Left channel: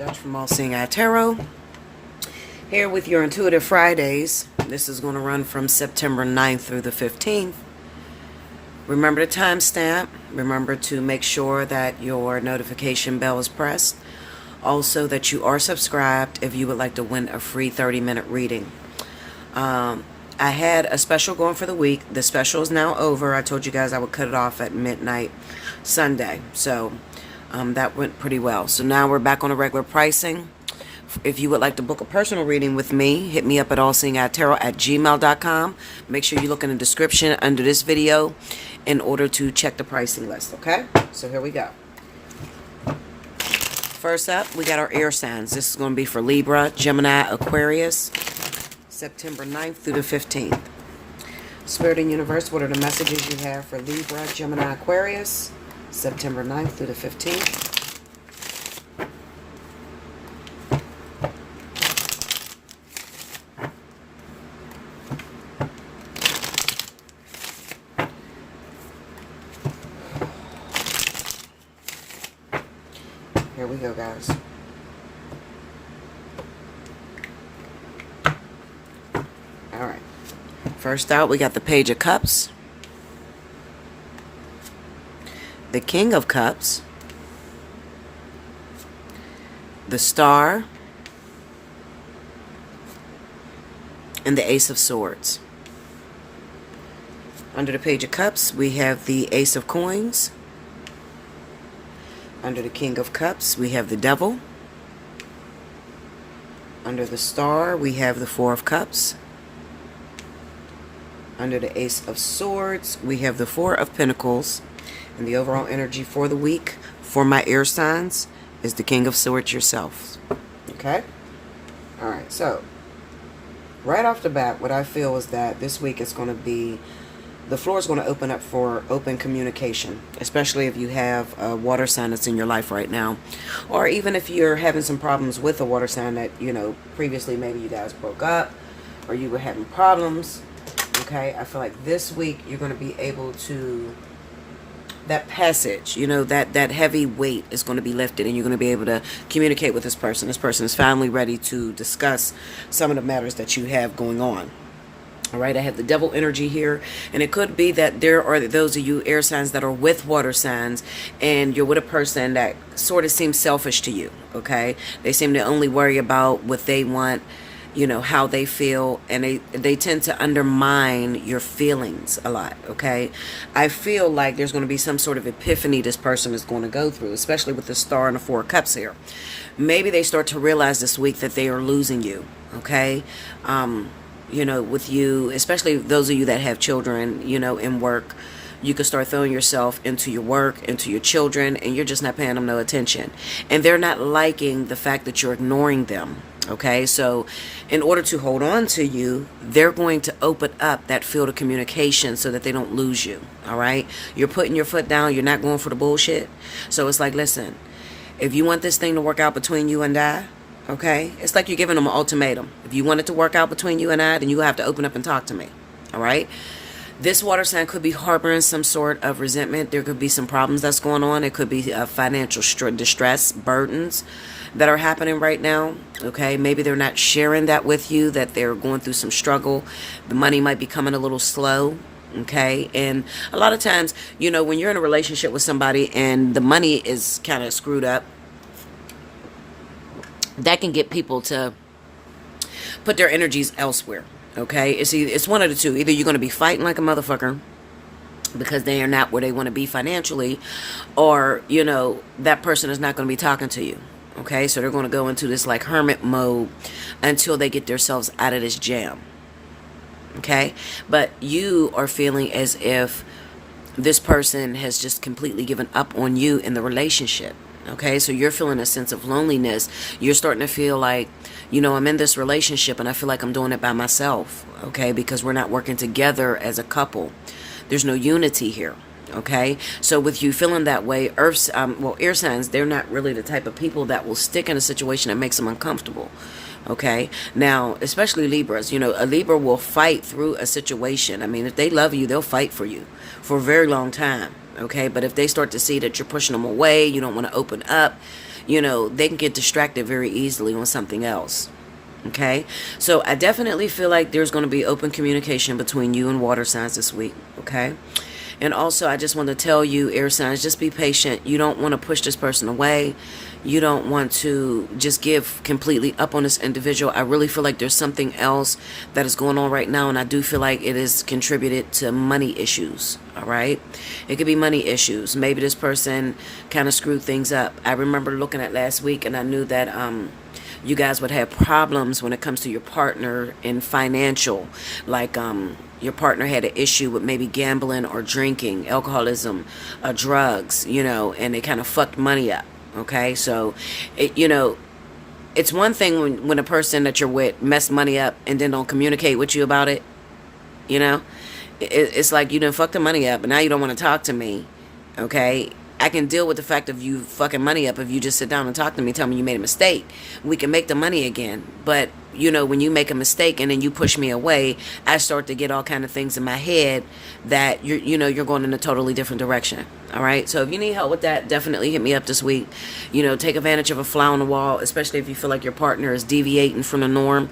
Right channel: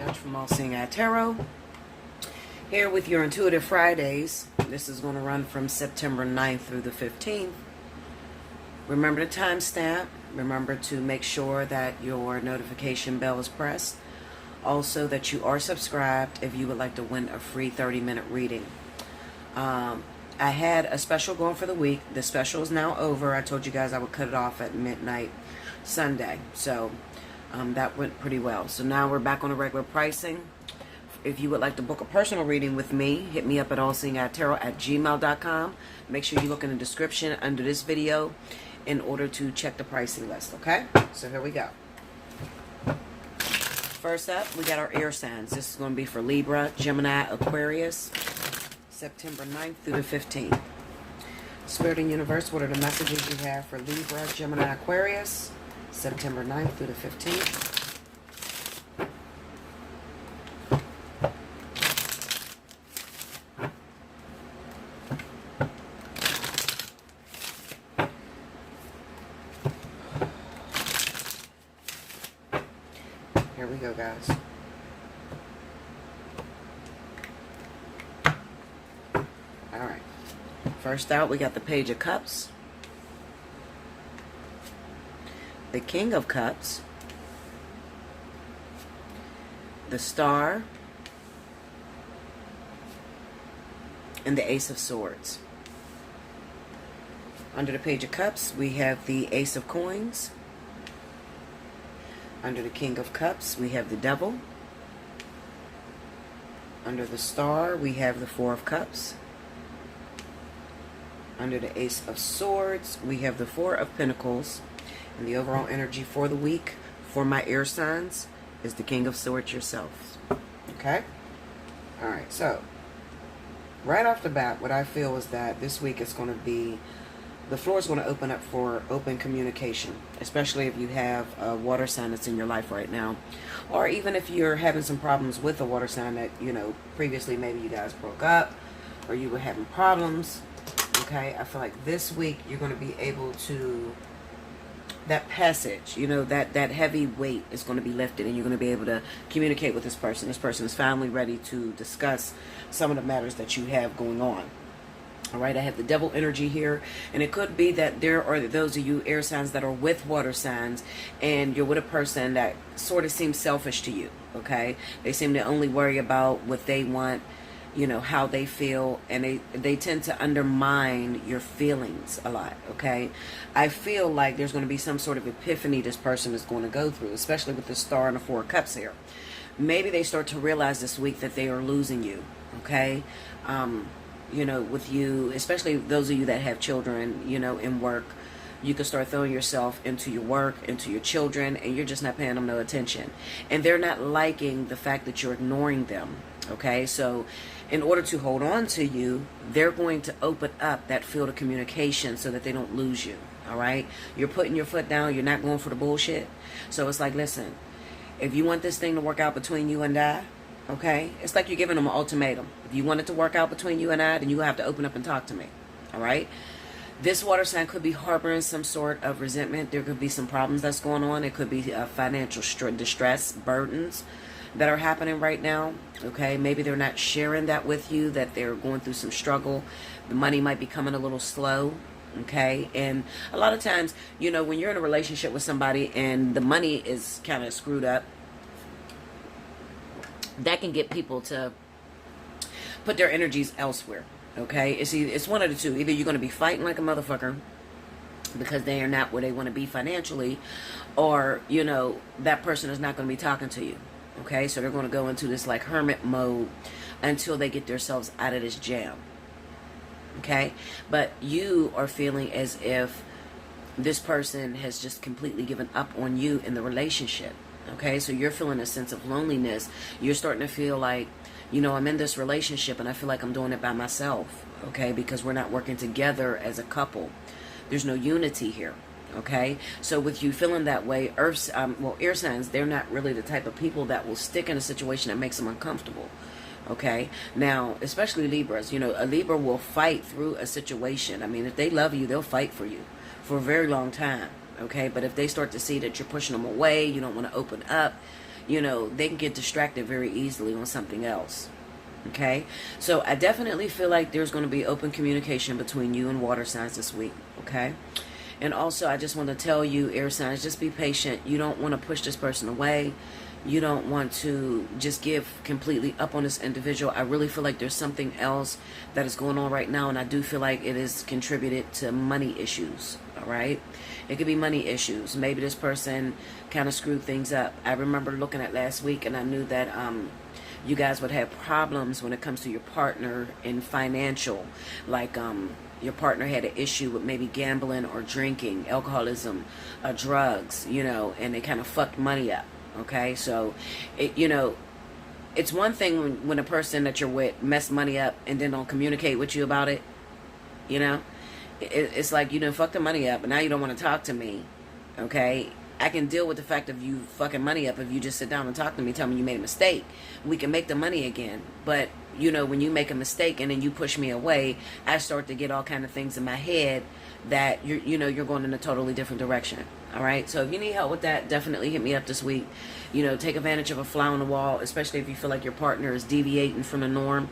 Dutch from Allseeingeyetarot, here with your Intuitive Fridays. This is going to run from September 9th through the 15th. Remember the timestamp. Remember to make sure that your notification bell is pressed. Also that you are subscribed if you would like to win a free 30-minute reading. I had a special going for the week. The special is now over. I told you guys I would cut it off at midnight Sunday. So that went pretty well. So now we're back on the regular pricing. If you would like to book a personal reading with me, hit me up at allseeingeyetarot@gmail.com. Make sure you look in the description under this video in order to check the pricing list, okay? So here we go. First up, we got our air signs. This is going to be for Libra, Gemini, Aquarius, September 9th through the 15th. Spirit and Universe, what are the messages you have for Libra, Gemini, Aquarius, September 9th through the 15th? Here we go, guys. All right. First out, we got the Page of Cups, the King of Cups, the Star, and the Ace of Swords. Under the Page of Cups, we have the Ace of Coins. Under the King of Cups, we have the Devil. Under the Star, we have the Four of Cups. Under the Ace of Swords, we have the Four of Pentacles. And the overall energy for the week for my air signs is the King of Swords yourself. Okay? Alright, so right off the bat, what I feel is that this week is going to be, the floor is going to open up for open communication, especially if you have a water sign that's in your life right now. Or even if you're having some problems with a water sign that, you know, previously maybe you guys broke up or you were having problems. Okay, I feel like this week you're going to be able to, that passage, you know, that heavy weight is going to be lifted and you're going to be able to communicate with this person. This person is finally ready to discuss some of the matters that you have going on. All right, I have the Devil energy here, and it could be that there are those of you air signs that are with water signs, and you're with a person that sort of seems selfish to you, okay? They seem to only worry about what they want, you know, how they feel, and they tend to undermine your feelings a lot, okay? I feel like there's going to be some sort of epiphany this person is going to go through, especially with the Star and the Four of Cups here. Maybe they start to realize this week that they are losing you, okay? You know, with you, especially those of you that have children, you know, in work, you can start throwing yourself into your work, into your children, and you're just not paying them no attention. And they're not liking the fact that you're ignoring them, okay? So in order to hold on to you, they're going to open up that field of communication so that they don't lose you, all right? You're putting your foot down. You're not going for the bullshit. So it's like, listen, if you want this thing to work out between you and I, okay, it's like you're giving them an ultimatum. If you want it to work out between you and I, then you have to open up and talk to me. All right? This water sign could be harboring some sort of resentment. There could be some problems that's going on. It could be financial distress, burdens that are happening right now. Okay? Maybe they're not sharing that with you, that they're going through some struggle. The money might be coming a little slow. Okay? And a lot of times, you know, when you're in a relationship with somebody and the money is kind of screwed up, that can get people to put their energies elsewhere, okay? It's one of the two. Either you're going to be fighting like a motherfucker because they are not where they want to be financially, or, you know, that person is not going to be talking to you, okay? So they're going to go into this, like, hermit mode until they get themselves out of this jam, okay? But you are feeling as if this person has just completely given up on you in the relationship. Okay, so you're feeling a sense of loneliness. You're starting to feel like, you know, I'm in this relationship and I feel like I'm doing it by myself, okay, because we're not working together as a couple. There's no unity here, okay? So with you feeling that way, air signs, they're not really the type of people that will stick in a situation that makes them uncomfortable, okay? Now, especially Libras, you know, a Libra will fight through a situation. I mean, if they love you, they'll fight for you for a very long time. Okay, but if they start to see that you're pushing them away, you don't want to open up, they can get distracted very easily on something else. Okay, so I definitely feel like there's going to be open communication between you and water signs this week. Okay, and also I just want to tell you, air signs, just be patient. You don't want to push this person away. You don't want to just give completely up on this individual. I really feel like there's something else that is going on right now, and I do feel like it is contributed to money issues. All right, it could be money issues. Maybe this person kind of screwed things up. I remember looking at last week, and I knew that you guys would have problems when it comes to your partner in financial, like your partner had an issue with maybe gambling or drinking, alcoholism, drugs, and they kind of fucked money up. Okay, so it's one thing when a person that you're with mess money up and then don't communicate with you about it. It's like you done fucked the money up and now you don't want to talk to me. Okay, I can deal with the fact of you fucking money up if you just sit down and talk to me, tell me you made a mistake. We can make the money again. But, when you make a mistake and then you push me away, I start to get all kind of things in my head that you're going in a totally different direction. All right. So if you need help with that, definitely hit me up this week. Take advantage of a fly on the wall, especially if you feel like your partner is deviating from the norm.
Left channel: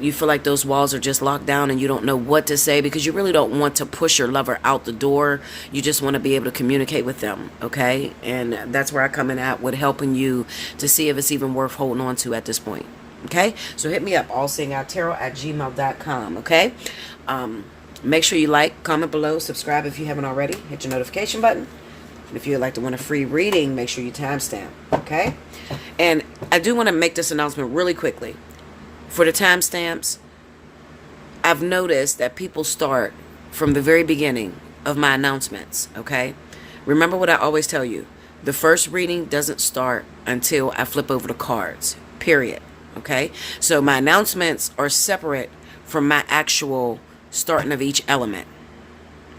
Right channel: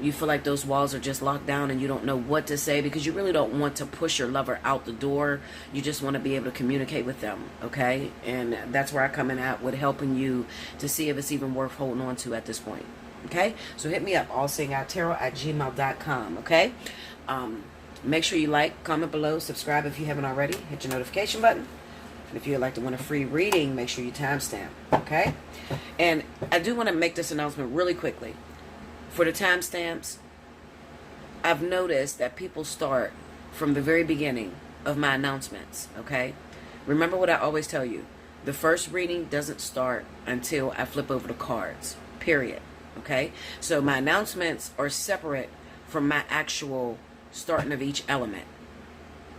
You feel like those walls are just locked down and you don't know what to say because you really don't want to push your lover out the door. You just want to be able to communicate with them, okay? And that's where I come in at with helping you to see if it's even worth holding on to at this point, okay? So hit me up, allseeingeyetarot@gmail.com, okay? Make sure you like, comment below, subscribe if you haven't already. Hit your notification button. And if you'd like to win a free reading, make sure you timestamp, okay? And I do want to make this announcement really quickly. For the timestamps, I've noticed that people start from the very beginning of my announcements, okay? Remember what I always tell you. The first reading doesn't start until I flip over the cards, period, okay? So my announcements are separate from my actual starting of each element,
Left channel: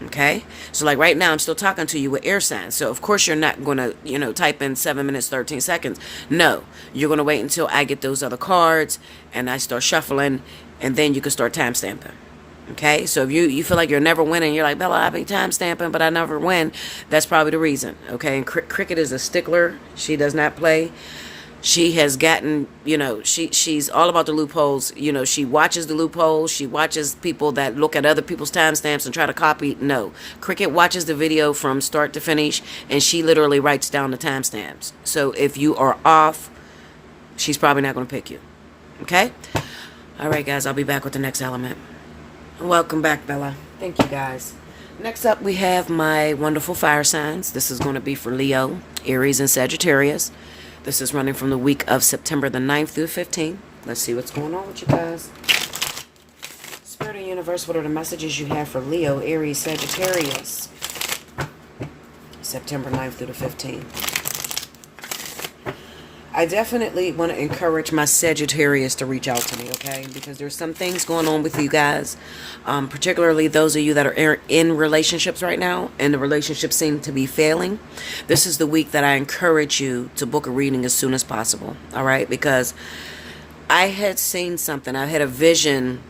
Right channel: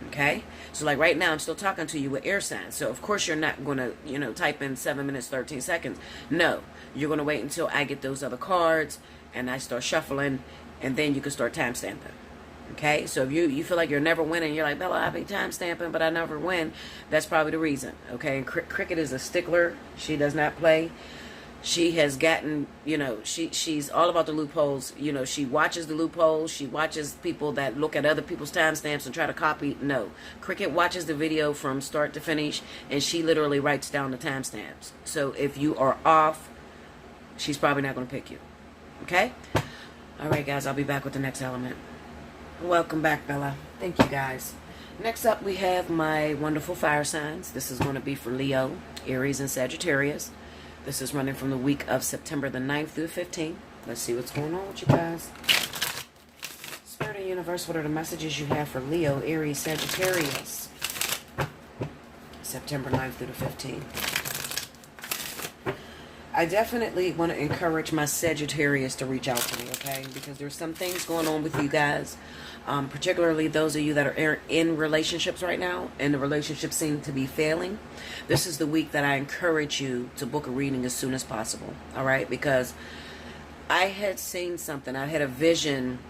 okay? So like right now, I'm still talking to you with air signs. So of course you're not going to, type in 7 minutes, 13 seconds. No, you're going to wait until I get those other cards and I start shuffling, and then you can start time stamping. Okay? So if you feel like you're never winning, you're like, Bella, I be time stamping, but I never win. That's probably the reason. Okay? And Cricket is a stickler. She does not play. She has gotten, she's all about the loopholes. She watches the loopholes. She watches people that look at other people's timestamps and try to copy. No. Cricket watches the video from start to finish, and she literally writes down the timestamps. So if you are off, she's probably not going to pick you. Okay? All right, guys. I'll be back with the next element. Welcome back, Bella. Thank you, guys. Next up, we have my wonderful fire signs. This is going to be for Leo, Aries, and Sagittarius. This is running from the week of September the 9th through 15th. Let's see what's going on with you guys. Spirit and Universe, what are the messages you have for Leo, Aries, Sagittarius? September 9th through the 15th. I definitely want to encourage my Sagittarius to reach out to me, okay? Because there's some things going on with you guys, particularly those of you that are in relationships right now, and the relationships seem to be failing. This is the week that I encourage you to book a reading as soon as possible, all right? Because I had seen something. I had a vision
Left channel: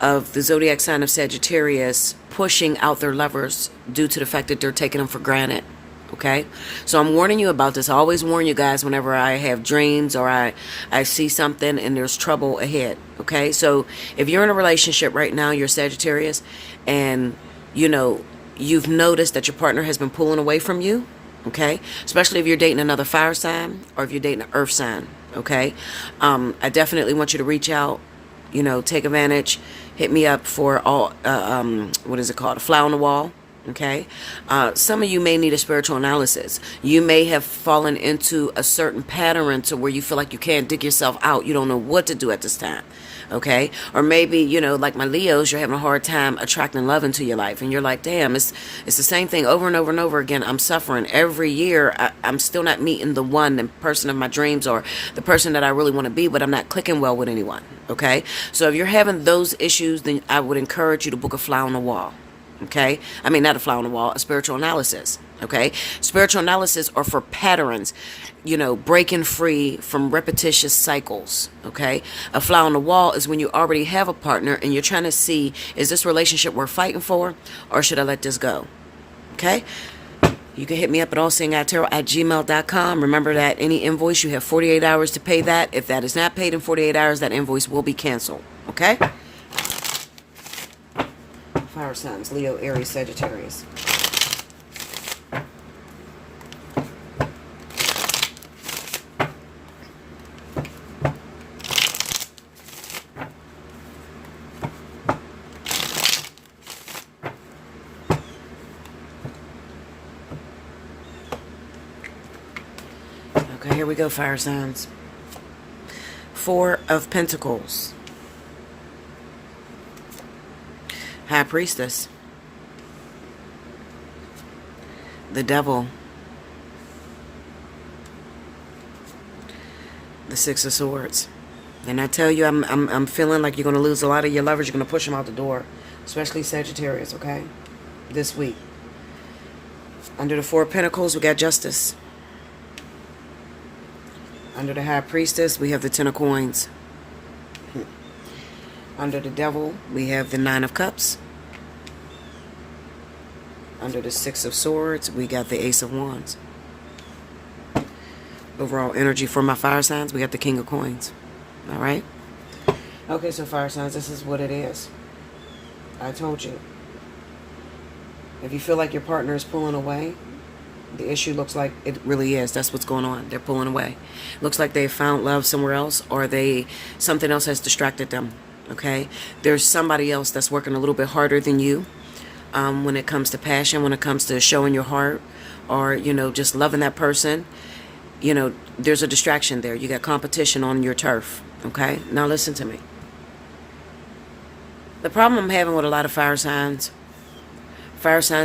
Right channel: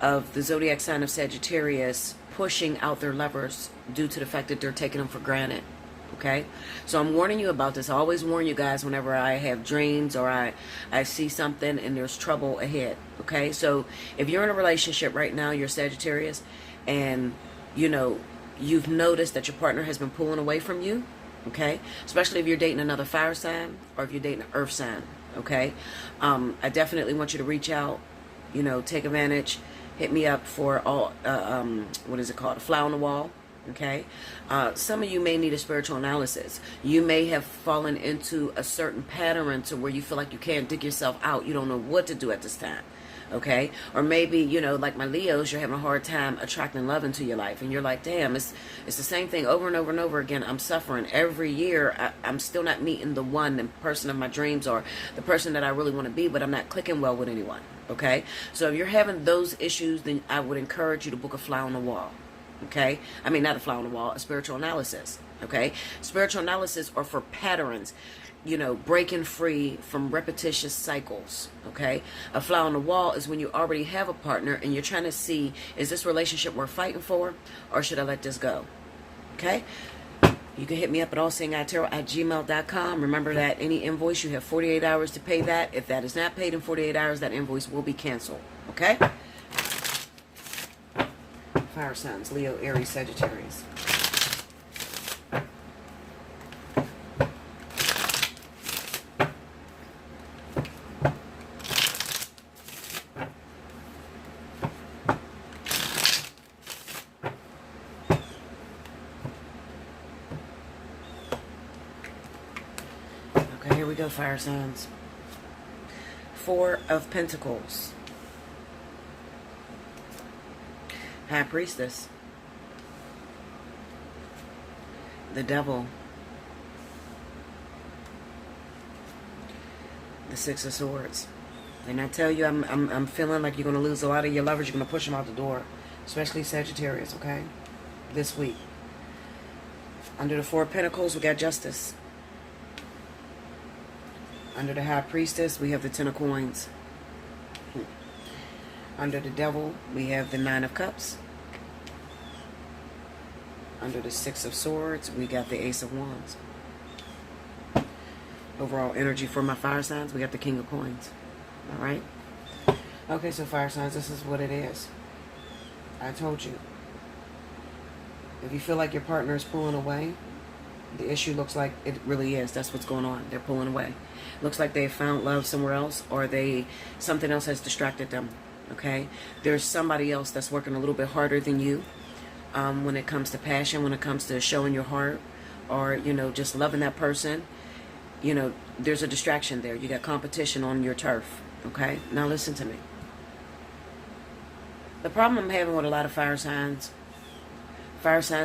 of the zodiac sign of Sagittarius pushing out their lovers due to the fact that they're taking them for granted. Okay, so I'm warning you about this. I always warn you guys whenever I have dreams or I see something and there's trouble ahead. Okay, so if you're in a relationship right now, you're Sagittarius, and you've noticed that your partner has been pulling away from you. Okay, especially if you're dating another fire sign or if you're dating an earth sign. Okay, I definitely want you to reach out. Take advantage. Hit me up for all. What is it called? A fly on the wall. Okay, some of you may need a spiritual analysis. You may have fallen into a certain pattern to where you feel like you can't dig yourself out. You don't know what to do at this time. Okay, or maybe like my Leos, you're having a hard time attracting love into your life, and you're like, damn, it's the same thing over and over and over again. I'm suffering every year. I'm still not meeting the person of my dreams or the person that I really want to be, but I'm not clicking well with anyone. Okay, so if you're having those issues, then I would encourage you to book a fly on the wall. Okay, I mean, not a fly on the wall, a spiritual analysis. Okay, spiritual analysis are for patterns, breaking free from repetitious cycles. Okay, a fly on the wall is when you already have a partner and you're trying to see, is this relationship worth fighting for, or should I let this go? Okay, You can hit me up at allseeingeyetarot@gmail.com. Remember that any invoice, you have 48 hours to pay that. If that is not paid in 48 hours, that invoice will be canceled. Okay? Fire signs, Leo, Aries, Sagittarius. Okay, here we go, fire signs. Four of Pentacles. High Priestess. The Devil. The Six of Swords. And I tell you, I'm feeling like you're going to lose a lot of your lovers. You're going to push them out the door. Especially Sagittarius, okay? This week. Under the Four of Pentacles, we got Justice. Under the High Priestess, we have the Ten of Coins. Under the Devil, we have the Nine of Cups. Under the Six of Swords, we got the Ace of Wands. Overall energy for my fire signs, we got the King of Coins. All right? Okay, so fire signs, this is what it is. I told you. If you feel like your partner is pulling away, the issue looks like it really is. That's what's going on. They're pulling away. Looks like they found love somewhere else, or something else has distracted them. Okay? There's somebody else that's working a little bit harder than you when it comes to passion, when it comes to showing your heart, or, you know, just loving that person. You know, there's a distraction there. You got competition on your turf. Okay? Now listen to me. The problem I'm having with a lot of fire signs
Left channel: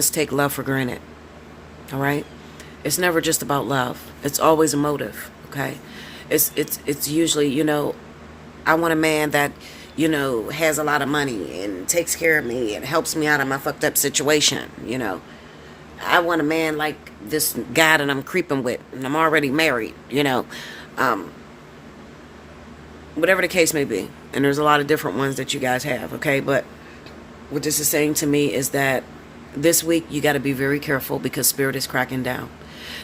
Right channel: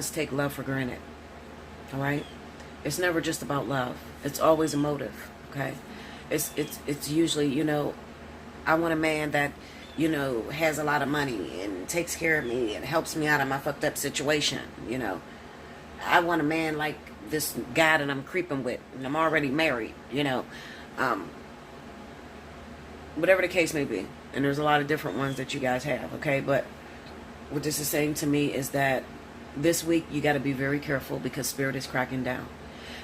take love for granted. All right? It's never just about love. It's always a motive, okay? It's usually, you know, I want a man that, you know, has a lot of money and takes care of me and helps me out of my fucked up situation, you know. I want a man like this guy that I'm creeping with, and I'm already married, you know. Whatever the case may be. And there's a lot of different ones that you guys have, okay? But what this is saying to me is that this week you got to be very careful because Spirit is cracking down.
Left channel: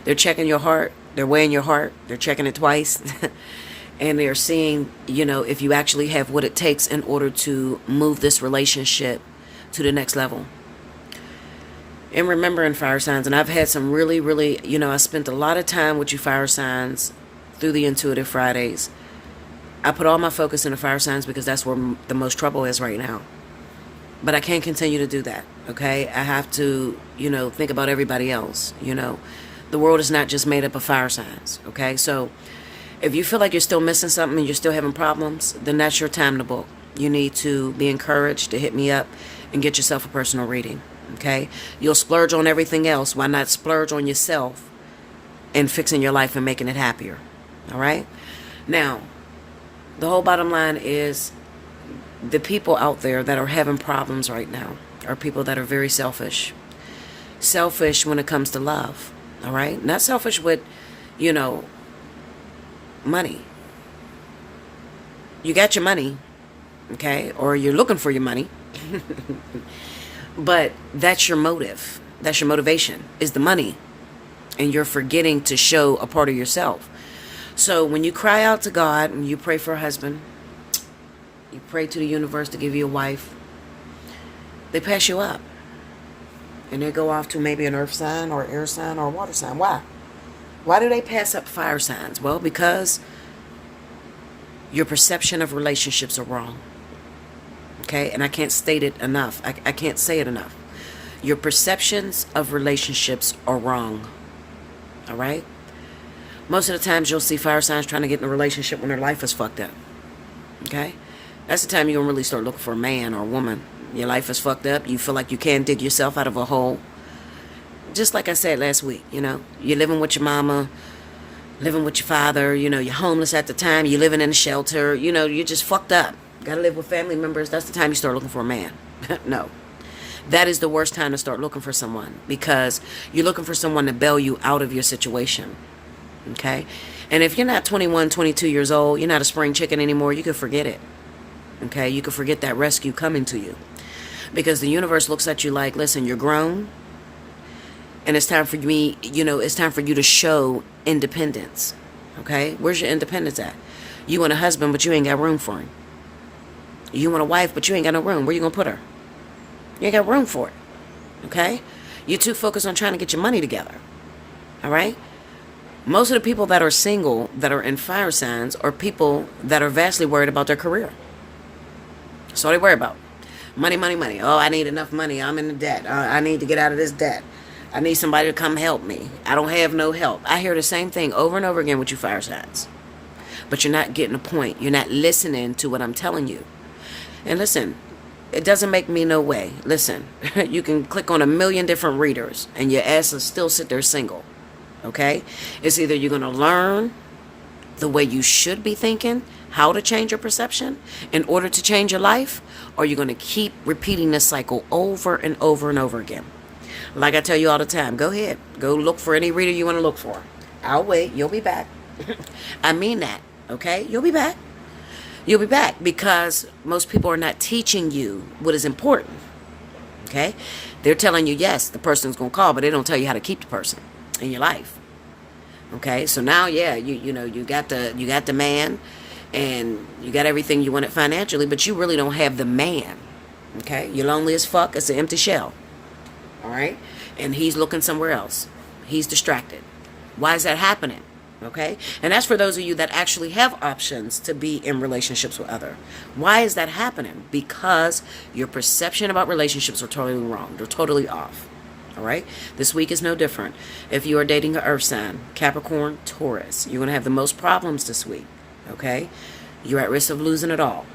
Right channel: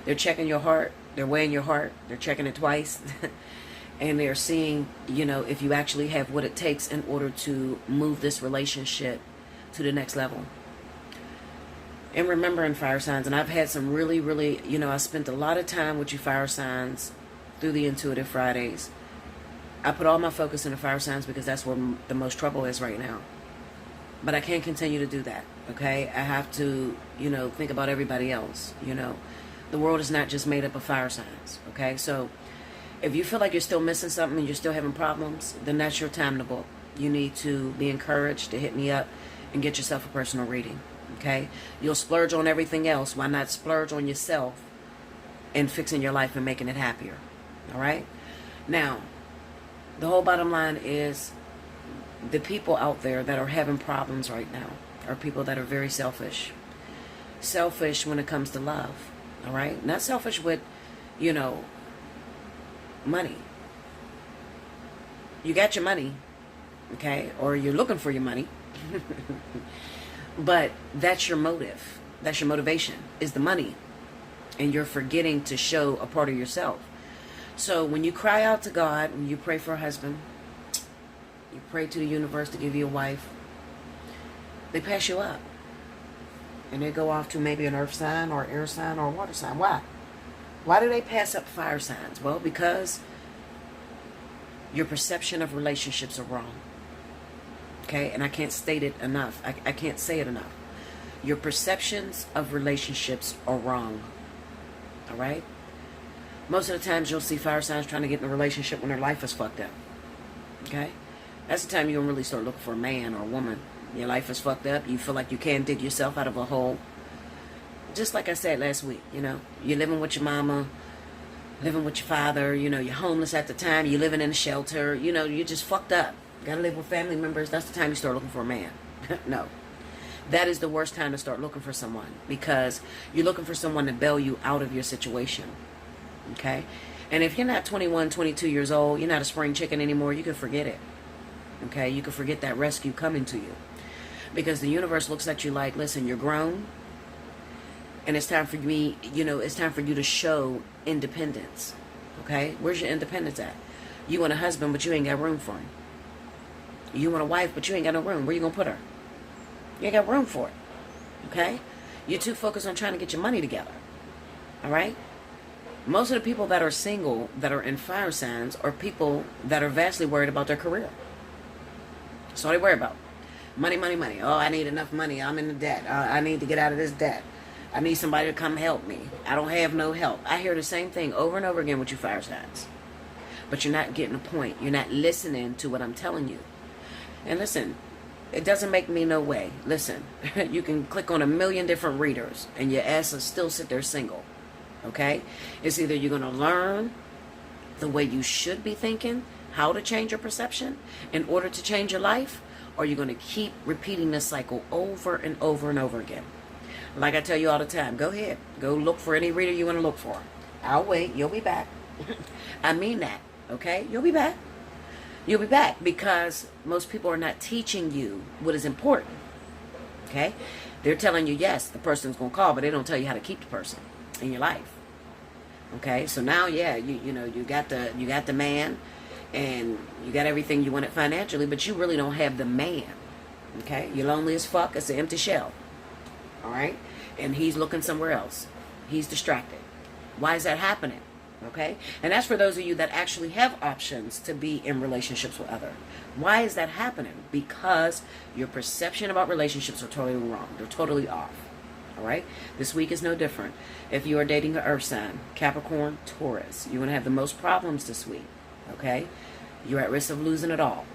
They're checking your heart. They're weighing your heart. They're checking it twice. And they're seeing, you know, if you actually have what it takes in order to move this relationship to the next level. And remembering fire signs, and I've had some really, really, you know, I spent a lot of time with you fire signs through the Intuitive Fridays. I put all my focus into fire signs because that's where the most trouble is right now. But I can't continue to do that, okay? I have to, you know, think about everybody else, you know. The world is not just made up of fire signs, okay? So if you feel like you're still missing something and you're still having problems, then that's your time to book. You need to be encouraged to hit me up and get yourself a personal reading, okay? You'll splurge on everything else. Why not splurge on yourself and fixing your life and making it happier, all right? Now, the whole bottom line is the people out there that are having problems right now are people that are very selfish. Selfish when it comes to love, all right? Not selfish with, you know, money. You got your money, okay? Or you're looking for your money. But that's your motive. That's your motivation, is the money. And you're forgetting to show a part of yourself. So when you cry out to God and you pray for a husband, you pray to the universe to give you a wife, they pass you up. And they go off to maybe an earth sign or air sign or a water sign. Why? Why do they pass up fire signs? Well, because your perception of relationships are wrong. Okay? And I can't state it enough. I can't say it enough. Your perceptions of relationships are wrong. All right? Most of the times you'll see fire signs trying to get in a relationship when their life is fucked up. Okay? That's the time you're going to really start looking for a man or a woman. Your life is fucked up. You feel like you can't dig yourself out of a hole. Just like I said last week, you know. You're living with your mama, living with your father. You know, you're homeless at the time. You're living in a shelter. You know, you're just fucked up. Got to live with family members. That's the time you start looking for a man. No. That is the worst time to start looking for someone. Because you're looking for someone to bail you out of your situation. Okay? And if you're not 21, 22 years old, you're not a spring chicken anymore, you can forget it. Okay? You can forget that rescue coming to you. Because the universe looks at you like, listen, you're grown. And it's time for me, it's time for you to show independence. Okay? Where's your independence at? You want a husband, but you ain't got room for him. You want a wife, but you ain't got no room. Where you going to put her? You ain't got room for it. Okay? You're too focused on trying to get your money together. All right? Most of the people that are single, that are in fire signs, are people that are vastly worried about their career. That's all they worry about. Money, money, money. Oh, I need enough money. I'm in debt. I need to get out of this debt. I need somebody to come help me. I don't have no help. I hear the same thing over and over again with you fire signs. But you're not getting a point. You're not listening to what I'm telling you. And listen, it doesn't make me no way. Listen, you can click on 1,000,000 different readers and your ass will still sit there single. Okay? It's either you're going to learn the way you should be thinking, how to change your perception in order to change your life, or you're going to keep repeating this cycle over and over and over again. Like I tell you all the time, go ahead. Go look for any reader you want to look for. I'll wait. You'll be back. I mean that. Okay? You'll be back. You'll be back because most people are not teaching you what is important. Okay? They're telling you, yes, the person's going to call, but they don't tell you how to keep the person in your life. Okay? So now, yeah, you got the man and you got everything you wanted financially, but you really don't have the man. Okay? You're lonely as fuck. It's an empty shell. All right? And he's looking somewhere else. He's distracted. Why is that happening? Okay? And that's for those of you that actually have options to be in relationships with other. Why is that happening? Because your perception about relationships are totally wrong. They're totally off. All right? This week is no different. If you are dating an earth sign, Capricorn, Taurus, you're going to have the most problems this week. Okay? You're at risk of losing it all.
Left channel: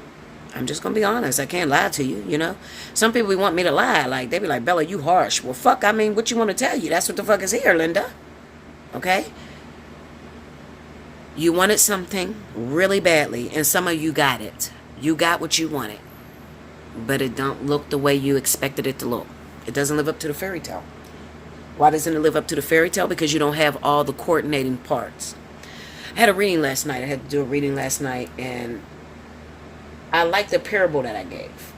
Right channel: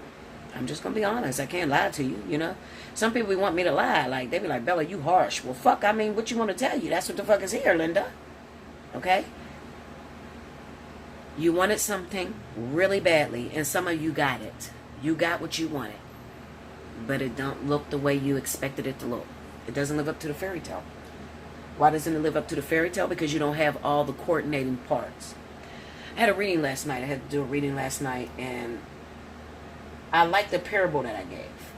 I'm just going to be honest. I can't lie to you, Some people want me to lie. Like, they be like, Bella, you harsh. Well, fuck, I mean, what you want to tell you? That's what the fuck is here, Linda. Okay? You wanted something really badly, and some of you got it. You got what you wanted. But it don't look the way you expected it to look. It doesn't live up to the fairy tale. Why doesn't it live up to the fairy tale? Because you don't have all the coordinating parts. I had a reading last night. I had to do a reading last night, and I like the parable that I gave.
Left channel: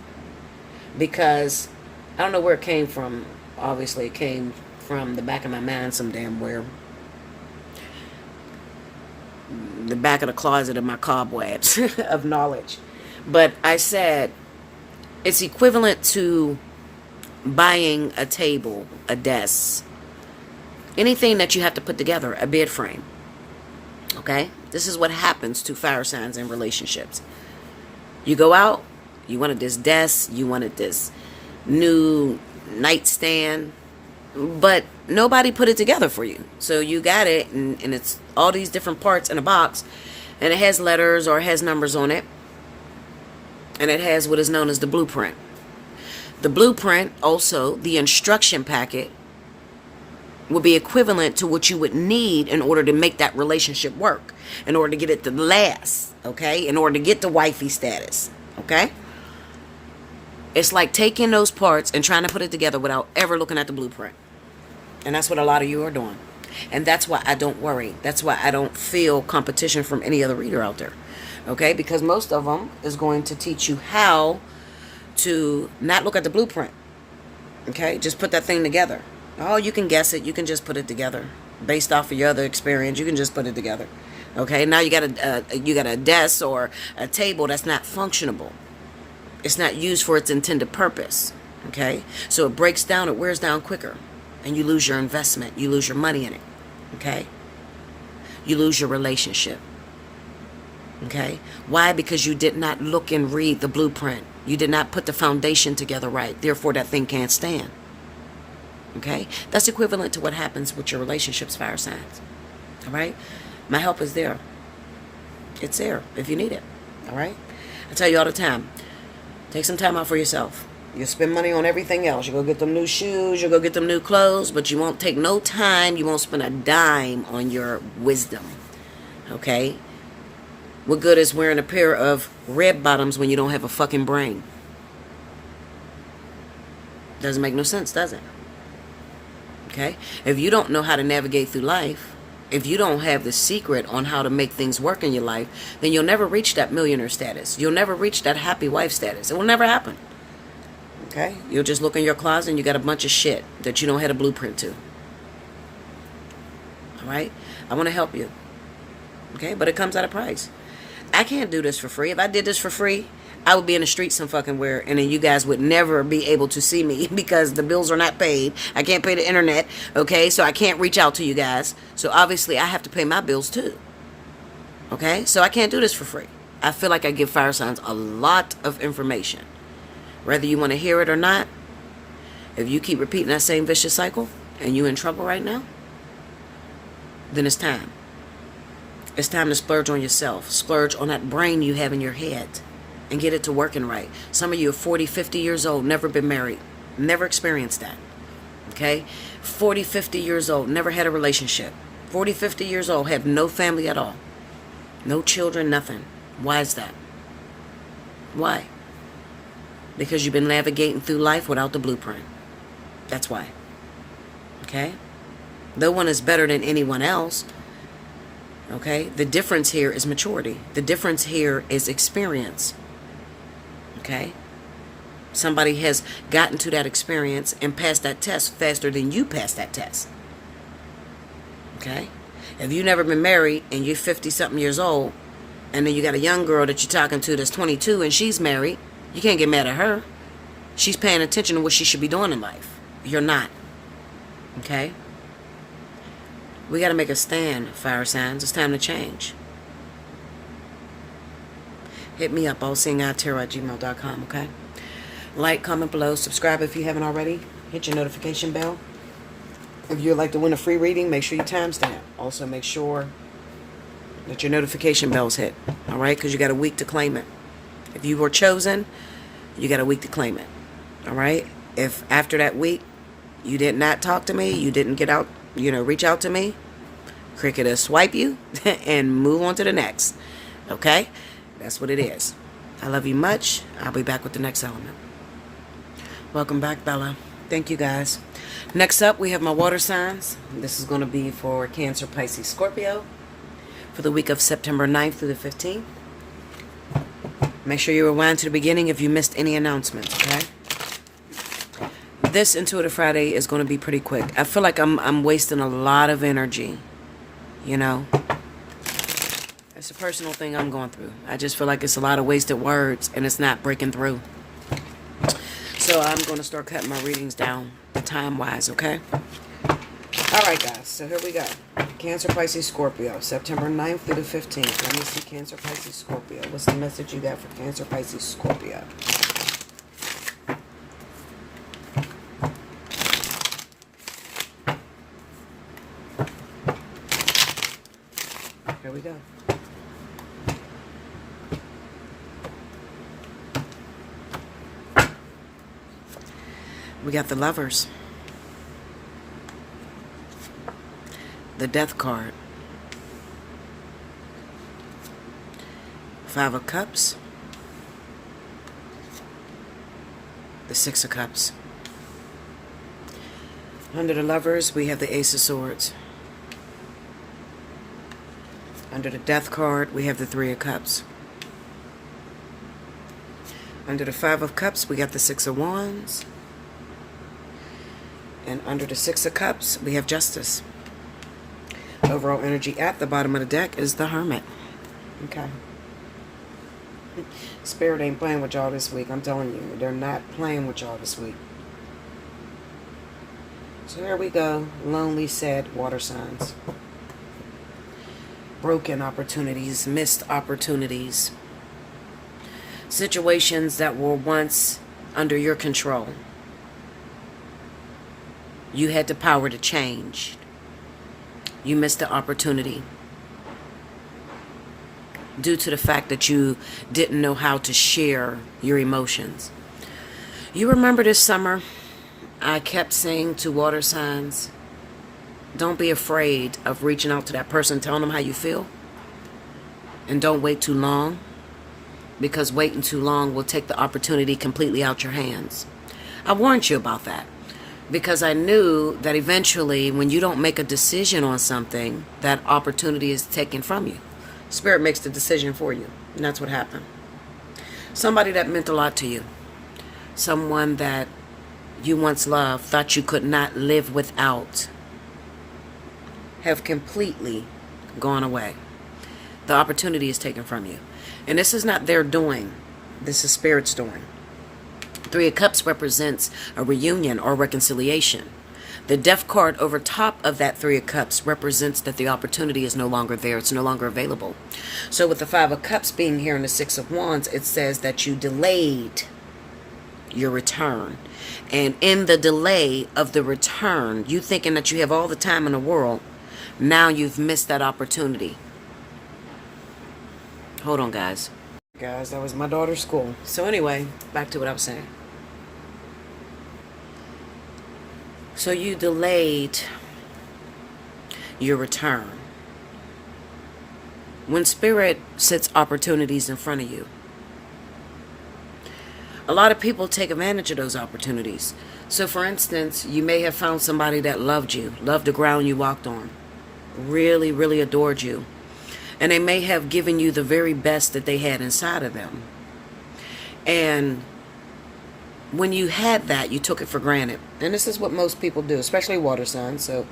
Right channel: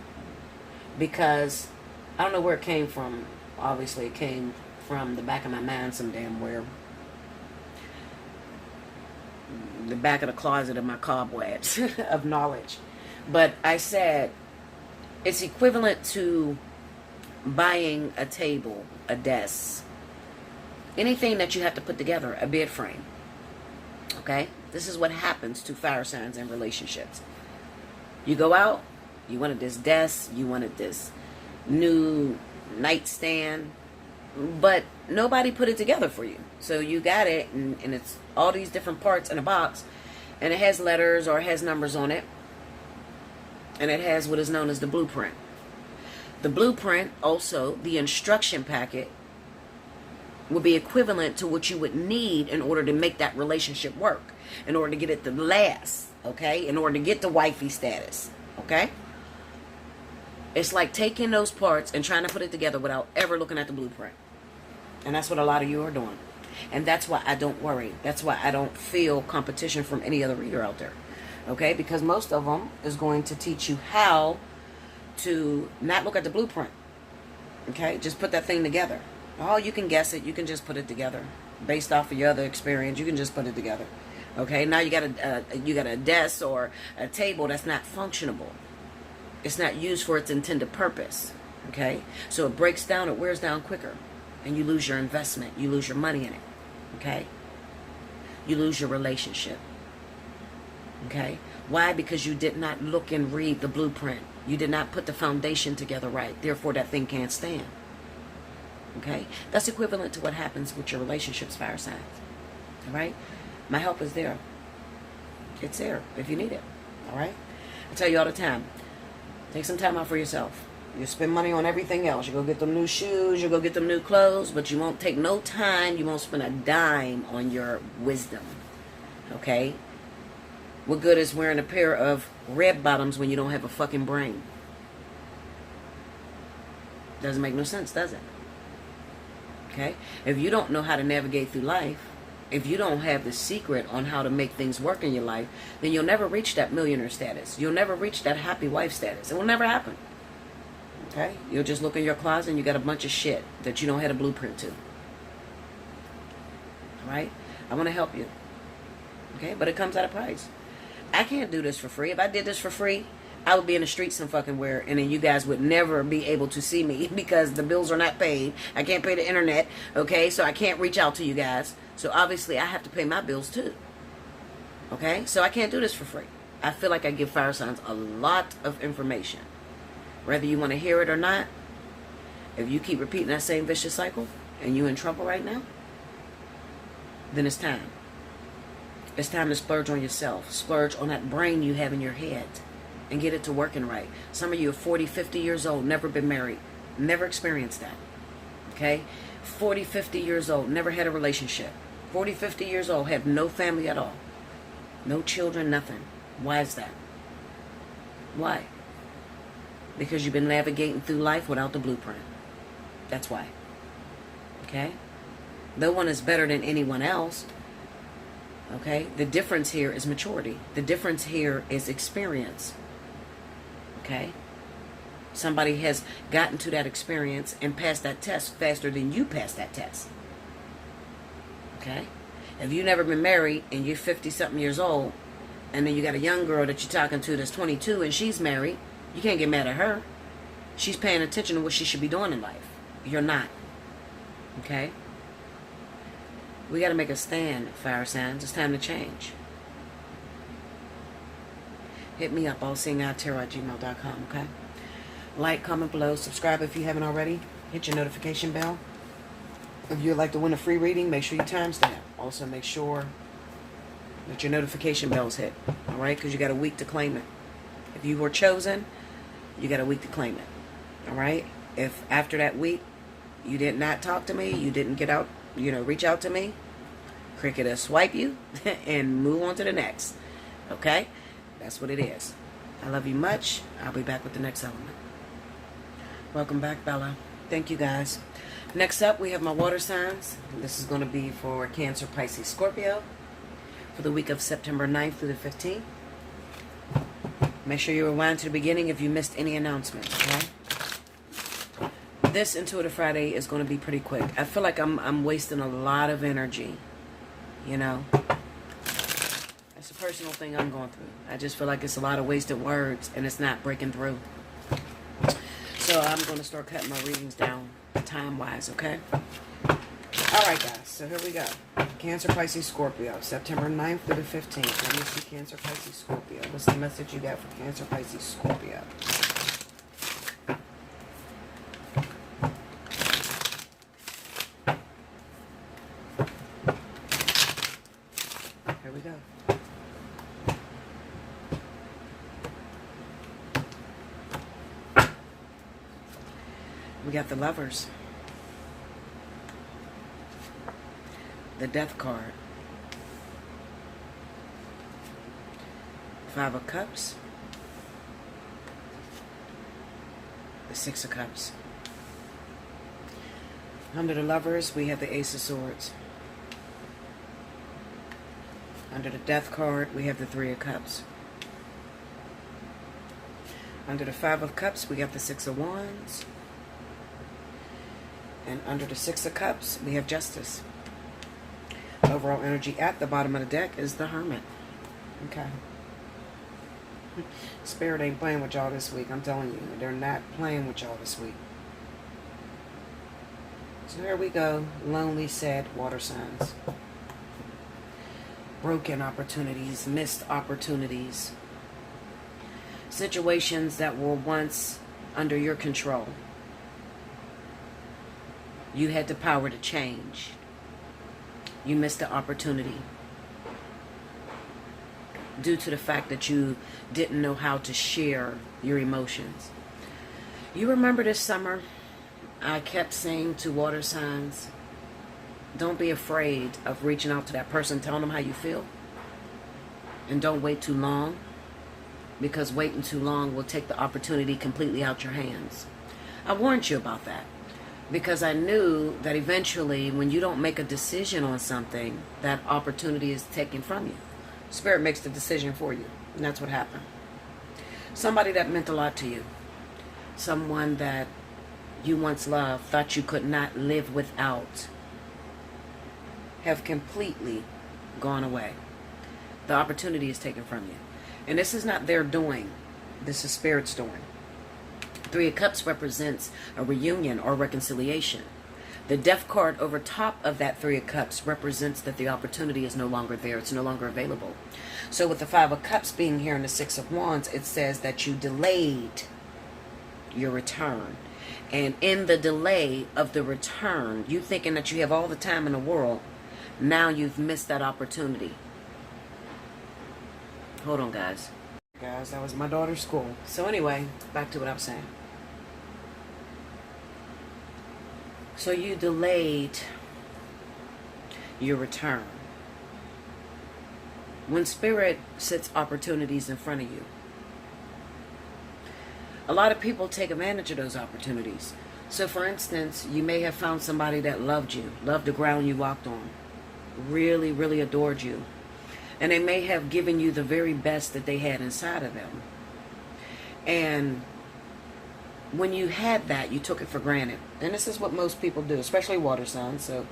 Because I don't know where it came from. Obviously, it came from the back of my mind some damn where. The back of the closet of my cobwebs of knowledge. But I said it's equivalent to buying a table, a desk, anything that you have to put together, a bed frame. Okay? This is what happens to fire signs in relationships. You go out, you wanted this desk, you wanted this new nightstand, but nobody put it together for you. So you got it, and it's all these different parts in a box, and it has letters or it has numbers on it, and it has what is known as the blueprint. The blueprint, also the instruction packet, would be equivalent to what you would need in order to make that relationship work, in order to get it to last, okay, in order to get the wifey status, okay? It's like taking those parts and trying to put it together without ever looking at the blueprint. And that's what a lot of you are doing. And that's why I don't worry. That's why I don't feel competition from any other reader out there. Okay? Because most of them is going to teach you how to not look at the blueprint. Okay? Just put that thing together. Oh, you can guess it. You can just put it together. Based off of your other experience, you can just put it together. Okay? Now you got a desk or a table that's not functionable. It's not used for its intended purpose. Okay? So it breaks down, it wears down quicker. And you lose your investment. You lose your money in it. Okay? You lose your relationship. Okay? Why? Because you did not look and read the blueprint. You did not put the foundation together right. Therefore, that thing can't stand. Okay? That's equivalent to what happens with your relationships, fire signs. All right? My help is there. It's there if you need it. All right? I tell you all the time, take some time out for yourself. You spend money on everything else. You go get them new shoes, you go get them new clothes, but you won't take no time, you won't spend a dime on your wisdom. Okay? What good is wearing a pair of red bottoms when you don't have a fucking brain? Doesn't make no sense, does it? Okay? If you don't know how to navigate through life, if you don't have the secret on how to make things work in your life, then you'll never reach that millionaire status. You'll never reach that happy wife status. It will never happen. Okay? You'll just look in your closet and you got a bunch of shit that you don't have a blueprint to. All right? I want to help you. Okay? But it comes at a price. I can't do this for free. If I did this for free, I would be in the street some fucking where, and then you guys would never be able to see me because the bills are not paid. I can't pay the internet, okay? So I can't reach out to you guys. So obviously I have to pay my bills too. Okay? So I can't do this for free. I feel like I give fire signs a lot of information. Whether you want to hear it or not, if you keep repeating that same vicious cycle and you're in trouble right now, then it's time. It's time to splurge on yourself. Splurge on that brain you have in your head and get it to working right. Some of you are 40, 50 years old, never been married, never experienced that. Okay? 40, 50 years old, never had a relationship. 40, 50 years old, have no family at all. No children, nothing. Why is that? Why? Because you've been navigating through life without the blueprint. That's why. Okay? No one is better than anyone else. Okay? The difference here is maturity. The difference here is experience. Okay? Somebody has gotten to that experience and passed that test faster than you passed that test. Okay? If you've never been married and you're 50-something years old, and then you got a young girl that you're talking to that's 22 and she's married, you can't get mad at her. She's paying attention to what she should be doing in life. You're not. Okay? We got to make a stand, fire signs. It's time to change. Hit me up, allseeingeyetarot@gmail.com, okay? Like, comment below, subscribe if you haven't already. Hit your notification bell. If you'd like to win a free reading, make sure you timestamp. Also, make sure that your notification bell's hit, all right? Because you got a week to claim it. If you were chosen, you got a week to claim it, all right? If after that week you did not talk to me, you didn't get out, reach out to me, Cricket will swipe you and move on to the next, okay? That's what it is. I love you much. I'll be back with the next element. Welcome back, Bella. Thank you, guys. Next up, we have my water signs. This is going to be for Cancer, Pisces, Scorpio for the week of September 9th through the 15th. Make sure you rewind to the beginning if you missed any announcements, okay? This Intuitive Friday is going to be pretty quick. I feel like I'm wasting a lot of energy, It's a personal thing I'm going through. I just feel like it's a lot of wasted words and it's not breaking through. So I'm going to start cutting my readings down time-wise, okay? All right, guys. So here we go. Cancer, Pisces, Scorpio, September 9th through the 15th. Let me see Cancer, Pisces, Scorpio. What's the message you got for Cancer, Pisces, Scorpio? Here we go. We got the Lovers. The Death card. Five of Cups. The Six of Cups. Under the Lovers, we have the Ace of Swords. Under the Death card, we have the Three of Cups. Under the Five of Cups, we got the Six of Wands. And under the Six of Cups, we have Justice. Overall energy at the bottom of the deck is the Hermit. Okay. Spirit ain't playing with y'all this week. I'm telling you. They're not playing with y'all this week. So there we go. Lonely, sad water signs. Broken opportunities. Missed opportunities. Situations that were once under your control. You had the power to change. You missed the opportunity due to the fact that you didn't know how to share your emotions. You remember this summer, I kept saying to water signs, don't be afraid of reaching out to that person, telling them how you feel. And don't wait too long, because waiting too long will take the opportunity completely out your hands. I warned you about that. Because I knew that eventually, when you don't make a decision on something, that opportunity is taken from you. Spirit makes the decision for you. And that's what happened. Somebody that meant a lot to you. Someone that you once loved, thought you could not live without, have completely gone away. The opportunity is taken from you. And this is not their doing. This is Spirit's doing. Three of Cups represents a reunion or reconciliation. The Death card over top of that Three of Cups represents that the opportunity is no longer there. It's no longer available. So with the Five of Cups being here in the Six of Wands, it says that you delayed your return. And in the delay of the return, you thinking that you have all the time in the world, now you've missed that opportunity. Hold on, guys. Guys, that was my daughter's school. So anyway, back to what I was saying. So you delayed your return. When Spirit sets opportunities in front of you, a lot of people take advantage of those opportunities. So for instance, you may have found somebody that loved you, loved the ground you walked on, really, really adored you. And they may have given you the very best that they had inside of them. And when you had that, you took it for granted. And this is what most people do, especially water signs. So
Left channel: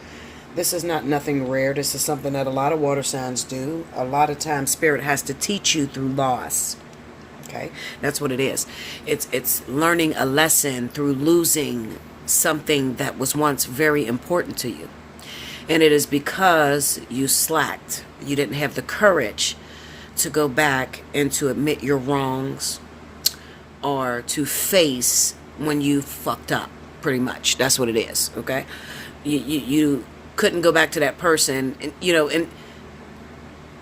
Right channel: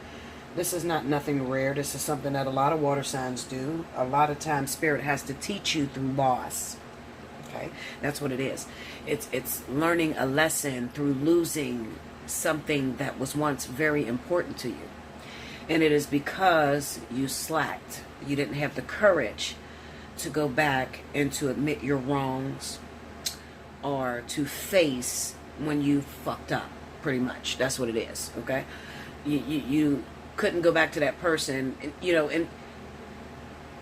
this is not nothing rare. This is something that a lot of water signs do. A lot of times Spirit has to teach you through loss. Okay? That's what it is. It's learning a lesson through losing something that was once very important to you. And it is because you slacked. You didn't have the courage to go back and to admit your wrongs or to face when you fucked up, pretty much. That's what it is, okay? You couldn't go back to that person. And, and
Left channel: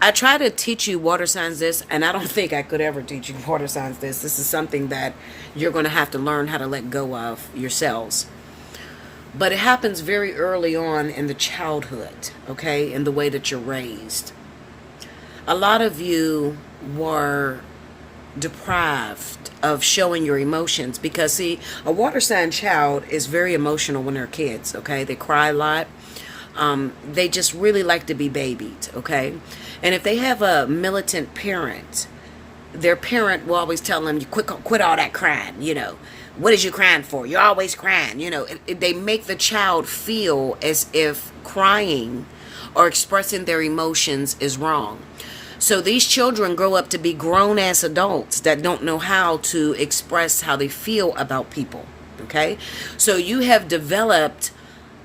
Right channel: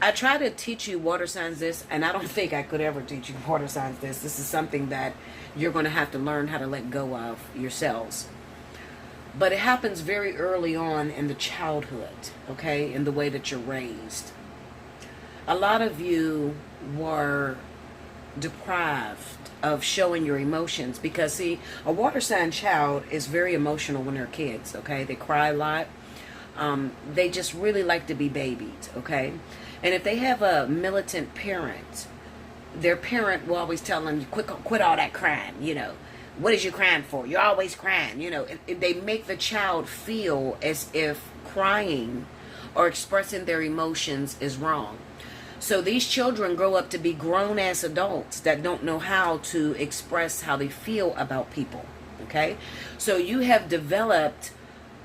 I try to teach you water signs this, and I don't think I could ever teach you water signs this. This is something that you're going to have to learn how to let go of yourselves. But it happens very early on in the childhood, okay, in the way that you're raised. A lot of you were deprived of showing your emotions because, see, a water sign child is very emotional when they're kids, okay? They cry a lot. They just really like to be babied, okay? And if they have a militant parent, their parent will always tell them, you quit all that crying, What is you crying for? You're always crying. They make the child feel as if crying or expressing their emotions is wrong. So these children grow up to be grown-ass adults that don't know how to express how they feel about people. Okay? So you have developed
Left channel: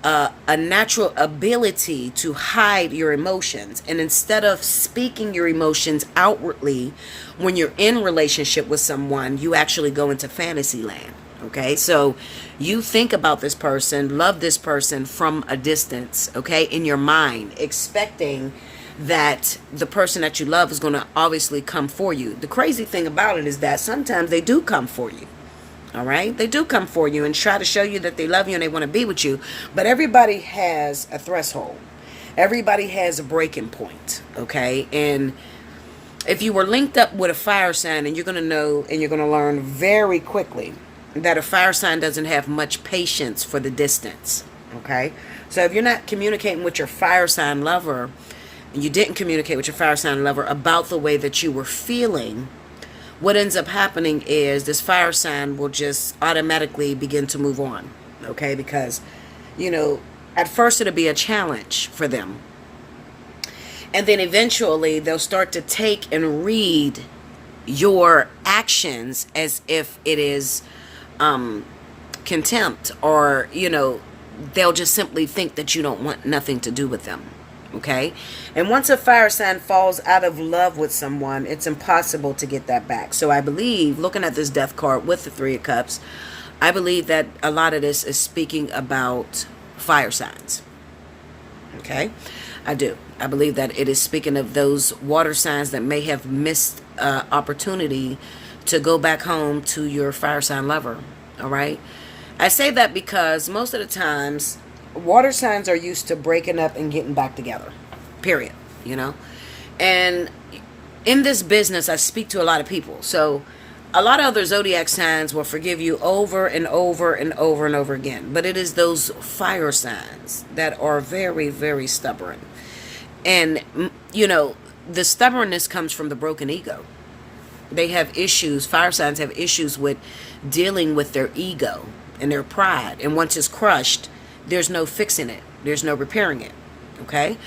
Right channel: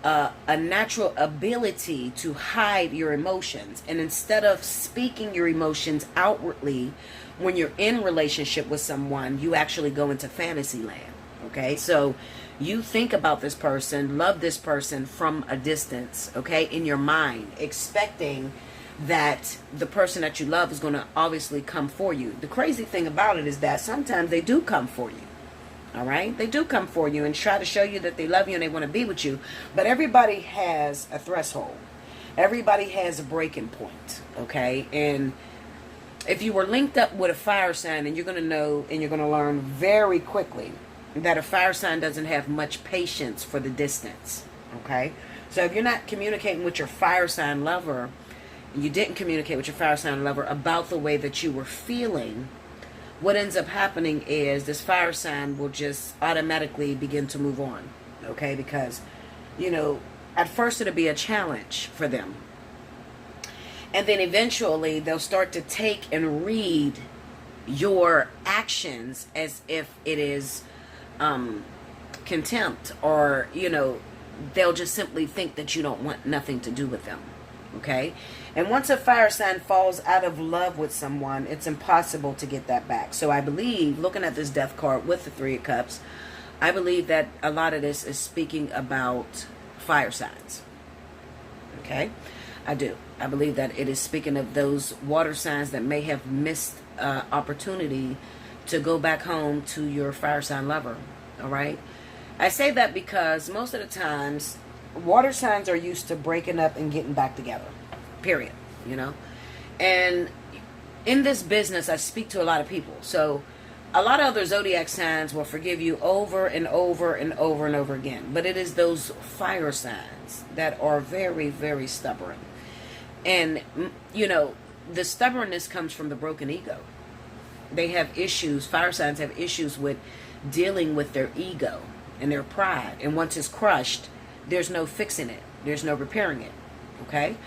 a natural ability to hide your emotions. And instead of speaking your emotions outwardly when you're in relationship with someone, you actually go into fantasy land. Okay, so you think about this person, love this person from a distance, okay, in your mind, expecting that the person that you love is going to obviously come for you. The crazy thing about it is that sometimes they do come for you, all right? They do come for you and try to show you that they love you and they want to be with you. But everybody has a threshold. Everybody has a breaking point, okay? And if you were linked up with a fire sign, and you're going to know and you're going to learn very quickly that a fire sign doesn't have much patience for the distance, okay? So if you're not communicating with your fire sign lover, and you didn't communicate with your fire sign lover about the way that you were feeling, what ends up happening is this fire sign will just automatically begin to move on, okay? Because, at first it'll be a challenge for them. And then eventually they'll start to take and read your actions as if it is contempt, or they'll just simply think that you don't want nothing to do with them, okay? And once a fire sign falls out of love with someone, it's impossible to get that back. So I believe, looking at this Death card with the Three of Cups, I believe that a lot of this is speaking about fire signs, okay? I do. I believe that it is speaking of those water signs that may have missed opportunity to go back home to your fire sign lover, all right? I say that because most of the times, water signs are used to breaking up and getting back together, period, And in this business, I speak to a lot of people. So a lot of other zodiac signs will forgive you over and over and over and over again. But it is those fire signs that are very, very stubborn. And, the stubbornness comes from the broken ego. They have issues, fire signs have issues with dealing with their ego and their pride. And once it's crushed, there's no fixing it. There's no repairing it. Okay?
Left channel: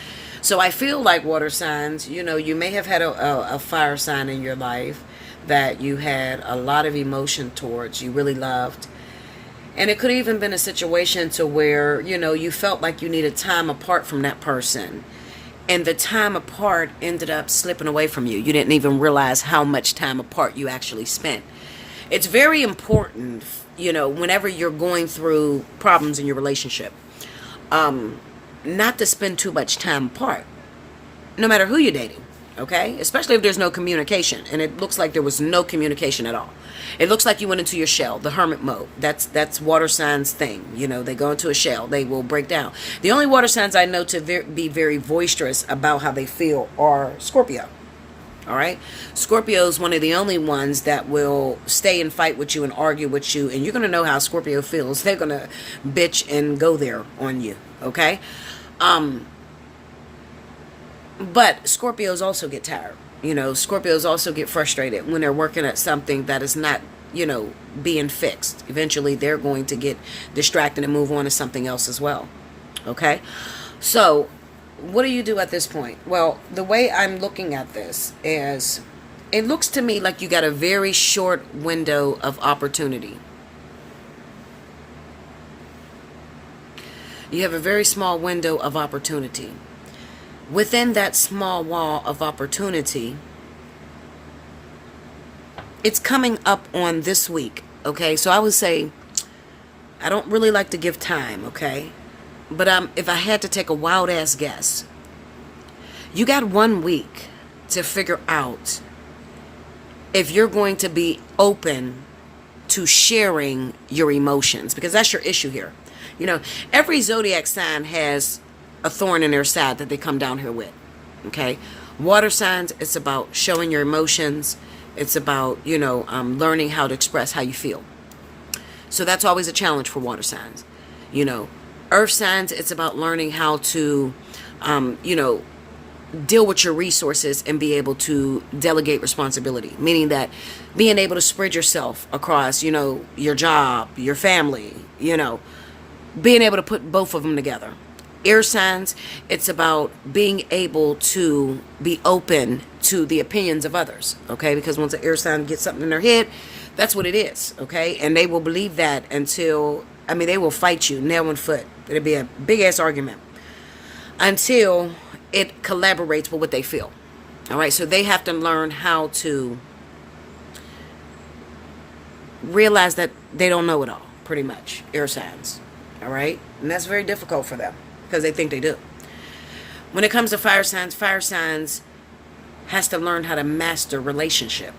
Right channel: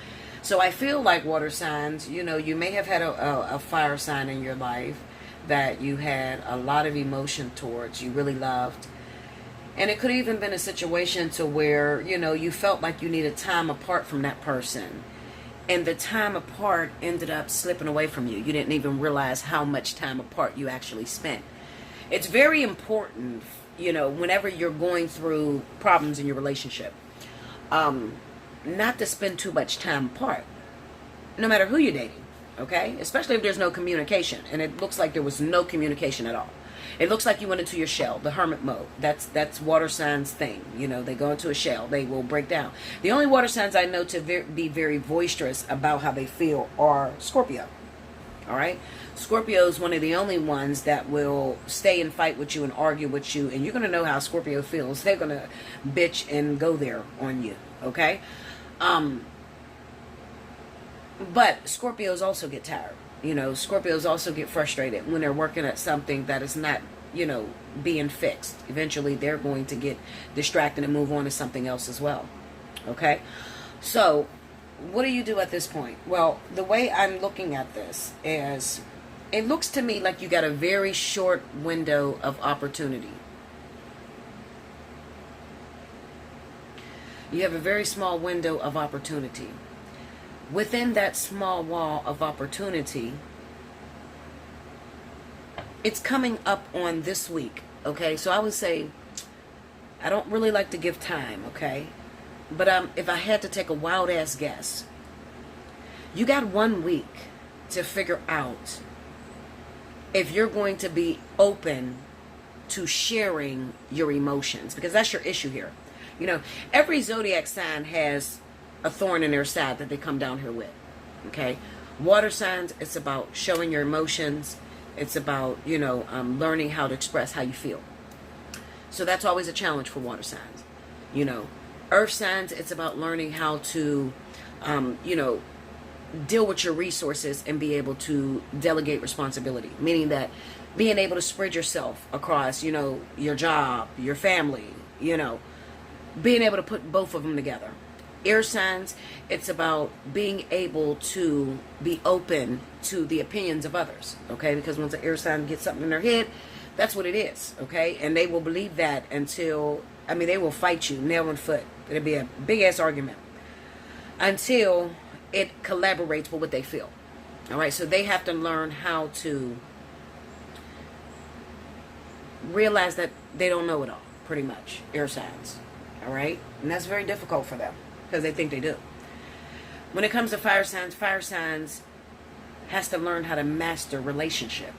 So I feel like water signs, you may have had a fire sign in your life that you had a lot of emotion towards, you really loved. And it could even been a situation to where, you felt like you needed time apart from that person. And the time apart ended up slipping away from you. You didn't even realize how much time apart you actually spent. It's very important, whenever you're going through problems in your relationship, not to spend too much time apart, no matter who you're dating, okay? Especially if there's no communication, and it looks like there was no communication at all. It looks like you went into your shell, the hermit mode. That's water signs thing. They go into a shell. They will break down. The only water signs I know to be very boisterous about how they feel are Scorpio. All right? Scorpio is one of the only ones that will stay and fight with you and argue with you, and you're going to know how Scorpio feels. They're going to bitch and go there on you, okay? But Scorpios also get tired. Scorpios also get frustrated when they're working at something that is not, being fixed. Eventually, they're going to get distracted and move on to something else as well. Okay? So, what do you do at this point? Well, the way I'm looking at this is, it looks to me like you got a very short window of opportunity. You have a very small window of opportunity. Within that small wall of opportunity, it's coming up on this week, okay? So I would say, I don't really like to give time, okay? But if I had to take a wild-ass guess, you got 1 week to figure out if you're going to be open to sharing your emotions, because that's your issue here. Every zodiac sign has a thorn in their side that they come down here with. Okay? Water signs, it's about showing your emotions. It's about, learning how to express how you feel. So that's always a challenge for water signs. Earth signs, it's about learning how to, deal with your resources and be able to delegate responsibility. Meaning that being able to spread yourself across, your job, your family, being able to put both of them together. Air signs, it's about being able to be open to the opinions of others, okay? Because once an air sign gets something in their head, that's what it is, okay? And they will believe that until, they will fight you nail and foot. It'll be a big-ass argument until it collaborates with what they feel, all right? So they have to learn how to realize that they don't know it all, pretty much, air signs, all right? And that's very difficult for them, because they think they do. When it comes to fire signs has to learn how to master relationship.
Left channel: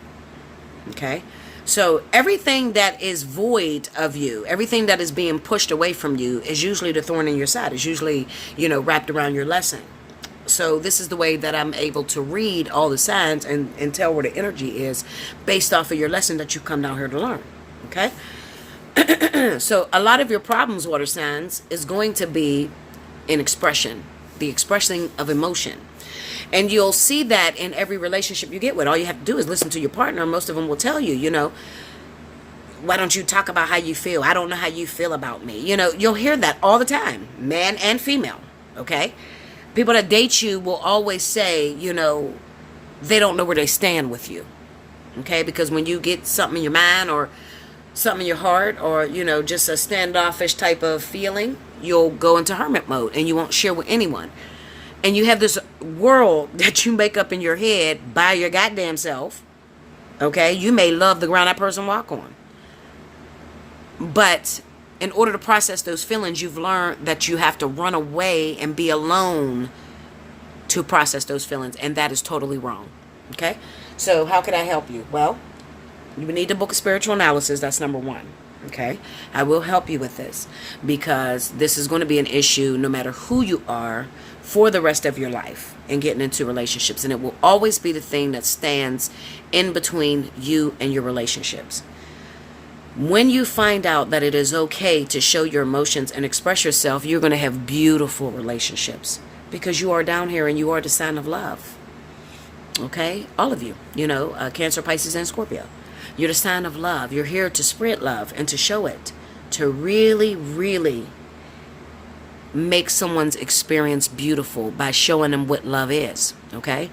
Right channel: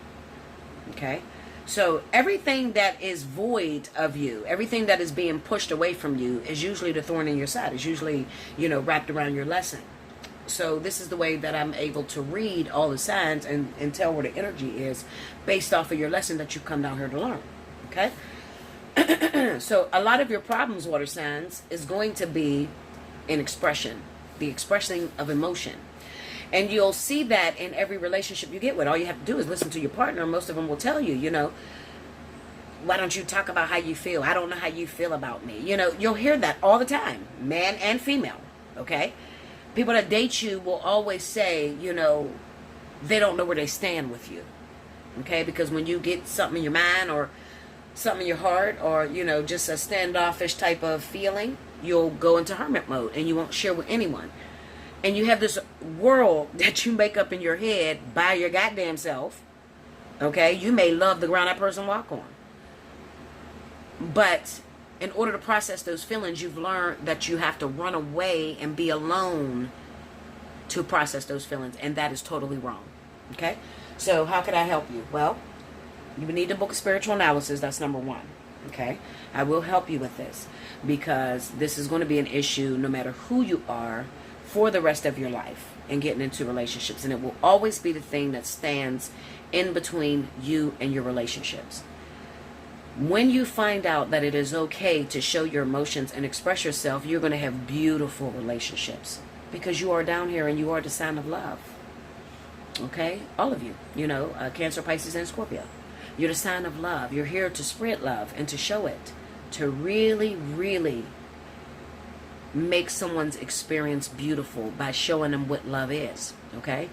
Okay? So everything that is void of you, everything that is being pushed away from you is usually the thorn in your side. It's usually, wrapped around your lesson. So this is the way that I'm able to read all the signs and tell where the energy is based off of your lesson that you come down here to learn. Okay? So a lot of your problems, water signs, is going to be in expression, the expressing of emotion. And you'll see that in every relationship you get with. All you have to do is listen to your partner. Most of them will tell you, why don't you talk about how you feel? I don't know how you feel about me. You'll hear that all the time, man and female, okay? People that date you will always say, they don't know where they stand with you, okay? Because when you get something in your mind or something in your heart or, just a standoffish type of feeling, you'll go into hermit mode and you won't share with anyone. And you have this world that you make up in your head by your goddamn self. Okay? You may love the ground that person walk on. But in order to process those feelings, you've learned that you have to run away and be alone to process those feelings. And that is totally wrong. Okay? So how can I help you? Well, you need to book a spiritual analysis. That's number one. Okay? I will help you with this because this is going to be an issue no matter who you are for the rest of your life and getting into relationships. And it will always be the thing that stands in between you and your relationships. When you find out that it is okay to show your emotions and express yourself, you're going to have beautiful relationships because you are down here and you are the sign of love. Okay? All of you, Cancer, Pisces, and Scorpio. You're the sign of love. You're here to spread love and to show it, to really, really make someone's experience beautiful by showing them what love is, okay?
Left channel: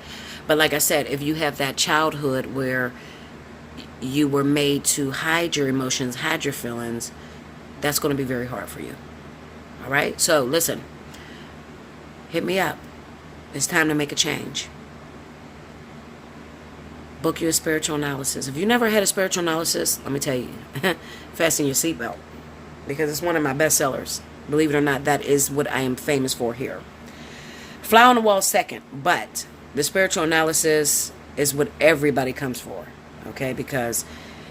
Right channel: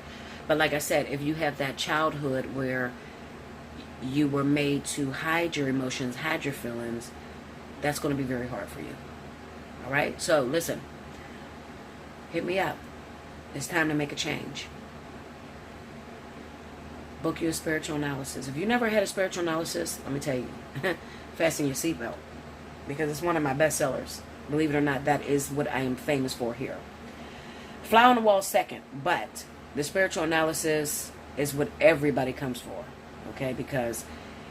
But like I said, if you have that childhood where you were made to hide your emotions, hide your feelings, that's going to be very hard for you. All right? So listen, hit me up. It's time to make a change. Book your spiritual analysis. If you never had a spiritual analysis, let me tell you, fasten your seatbelt, because it's one of my best sellers. Believe it or not, that is what I am famous for here. Fly on the wall second, but the spiritual analysis is what everybody comes for, okay? Because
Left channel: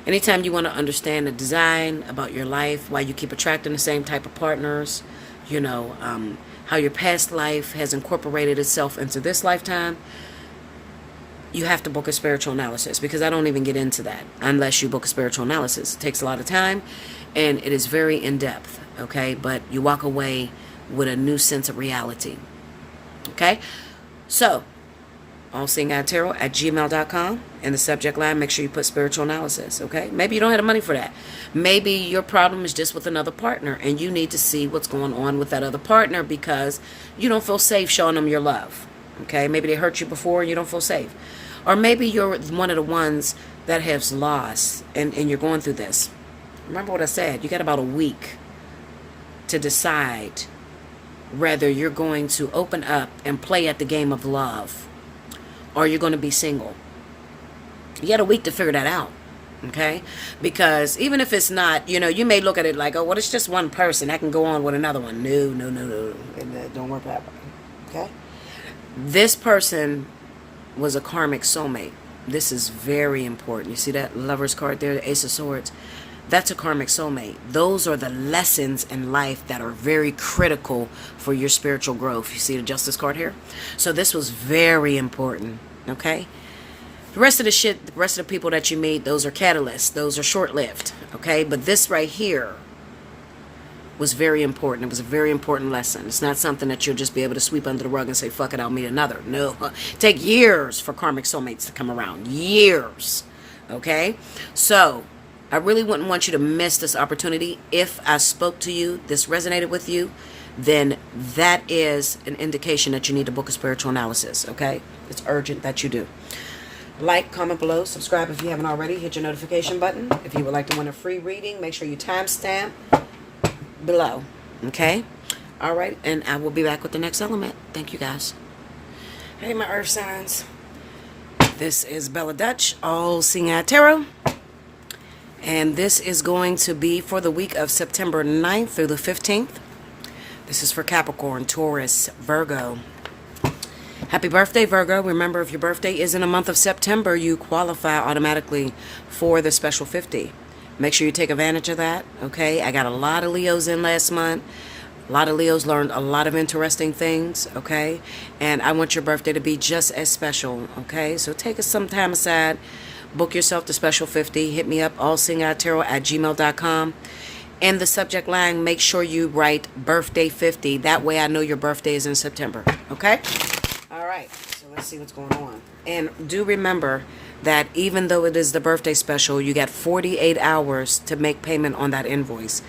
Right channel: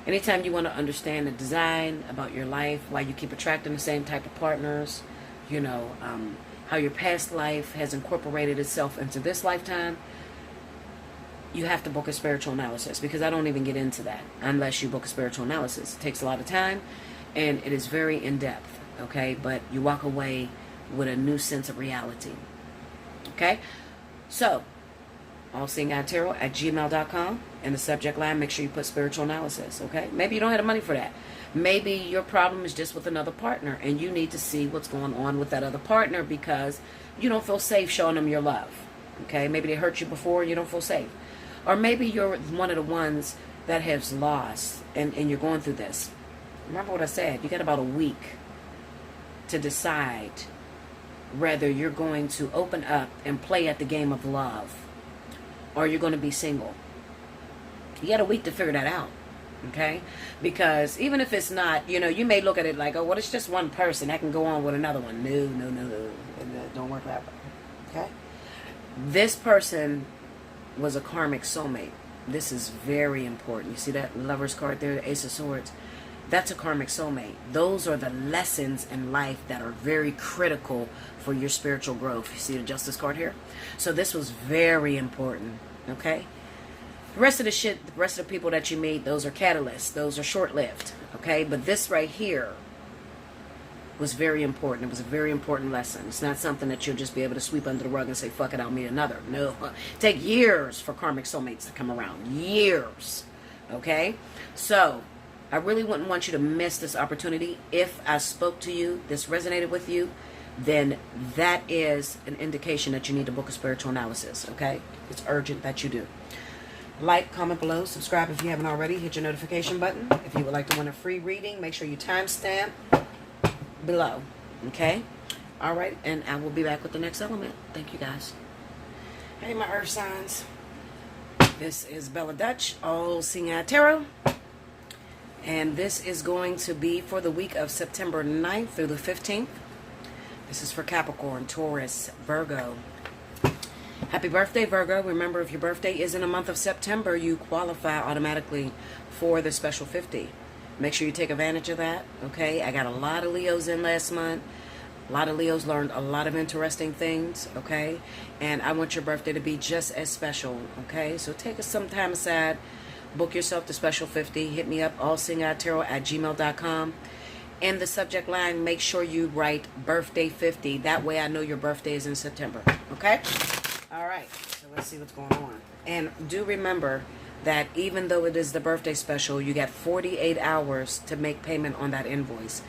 anytime you want to understand the design about your life, why you keep attracting the same type of partners, you know, how your past life has incorporated itself into this lifetime, you have to book a spiritual analysis, because I don't even get into that unless you book a spiritual analysis. It takes a lot of time, and it is very in-depth, okay? But you walk away with a new sense of reality, okay? So, Allseeingeyetarot@gmail.com. In the subject line, make sure you put spiritual analysis, okay? Maybe you don't have the money for that. Maybe your problem is just with another partner, and you need to see what's going on with that other partner because you don't feel safe showing them your love, okay? Maybe they hurt you before and you don't feel safe. Or maybe you're one of the ones that has lost and you're going through this. Remember what I said. You got about a week to decide whether you're going to open up and play at the game of love or you're going to be single. You got a week to figure that out, okay? Because even if it's not, you know, you may look at it like, oh, well, it's just one person. I can go on with another one. No. It don't work that way, okay? This person was a karmic soulmate. This is very important. You see that Lover's card there, the Ace of Swords? That's a karmic soulmate. Those are the lessons in life that are very critical for your spiritual growth. You see the Justice card here? So this was very important, okay? The rest of the shit, the rest of the people that you meet, those are catalysts. Those are short-lived, okay? But this right here was very important. It was a very important lesson. It's not something that you'll just be able to sweep under the rug and say, fuck it, I'll meet another. No. Take years for karmic soulmates to come around. Years. Okay? So, I really wouldn't want you to miss this opportunity. If I spoke to you, this resonated with you, then that is an indication that you need to book a spiritual analysis. Okay? It's urgent that you do. Like, comment below, subscribe if you haven't already, hit your notification button. If you would like to win a free reading, make sure you timestamp below, okay? All right, and I will be back with the next element. Thank you, guys. Hey, my earth signs. This is Bella Dutch, Allseeingeyetarot, and this is going to be for the week of September 9th through the 15th. This is for Capricorn, Taurus, Virgo. Happy birthday, Virgo. Remember, if your birthday is in the month of September, you qualify automatically for the special 50. Make sure you take advantage of that, okay? I got a lot of Leos in last month. A lot of Leos learned a lot of interesting things, okay? And I want your birthday to be just as special, okay? So take some time aside. Book yourself the special 50. Hit me up, allseeingeyetarot@gmail.com. In the subject line, make sure you write birthday 50. That way I know your birthday is in September, okay? All right, so let's see what's going on. And do remember that even though it is the birthday special, you got 48 hours to make payment on that invoice.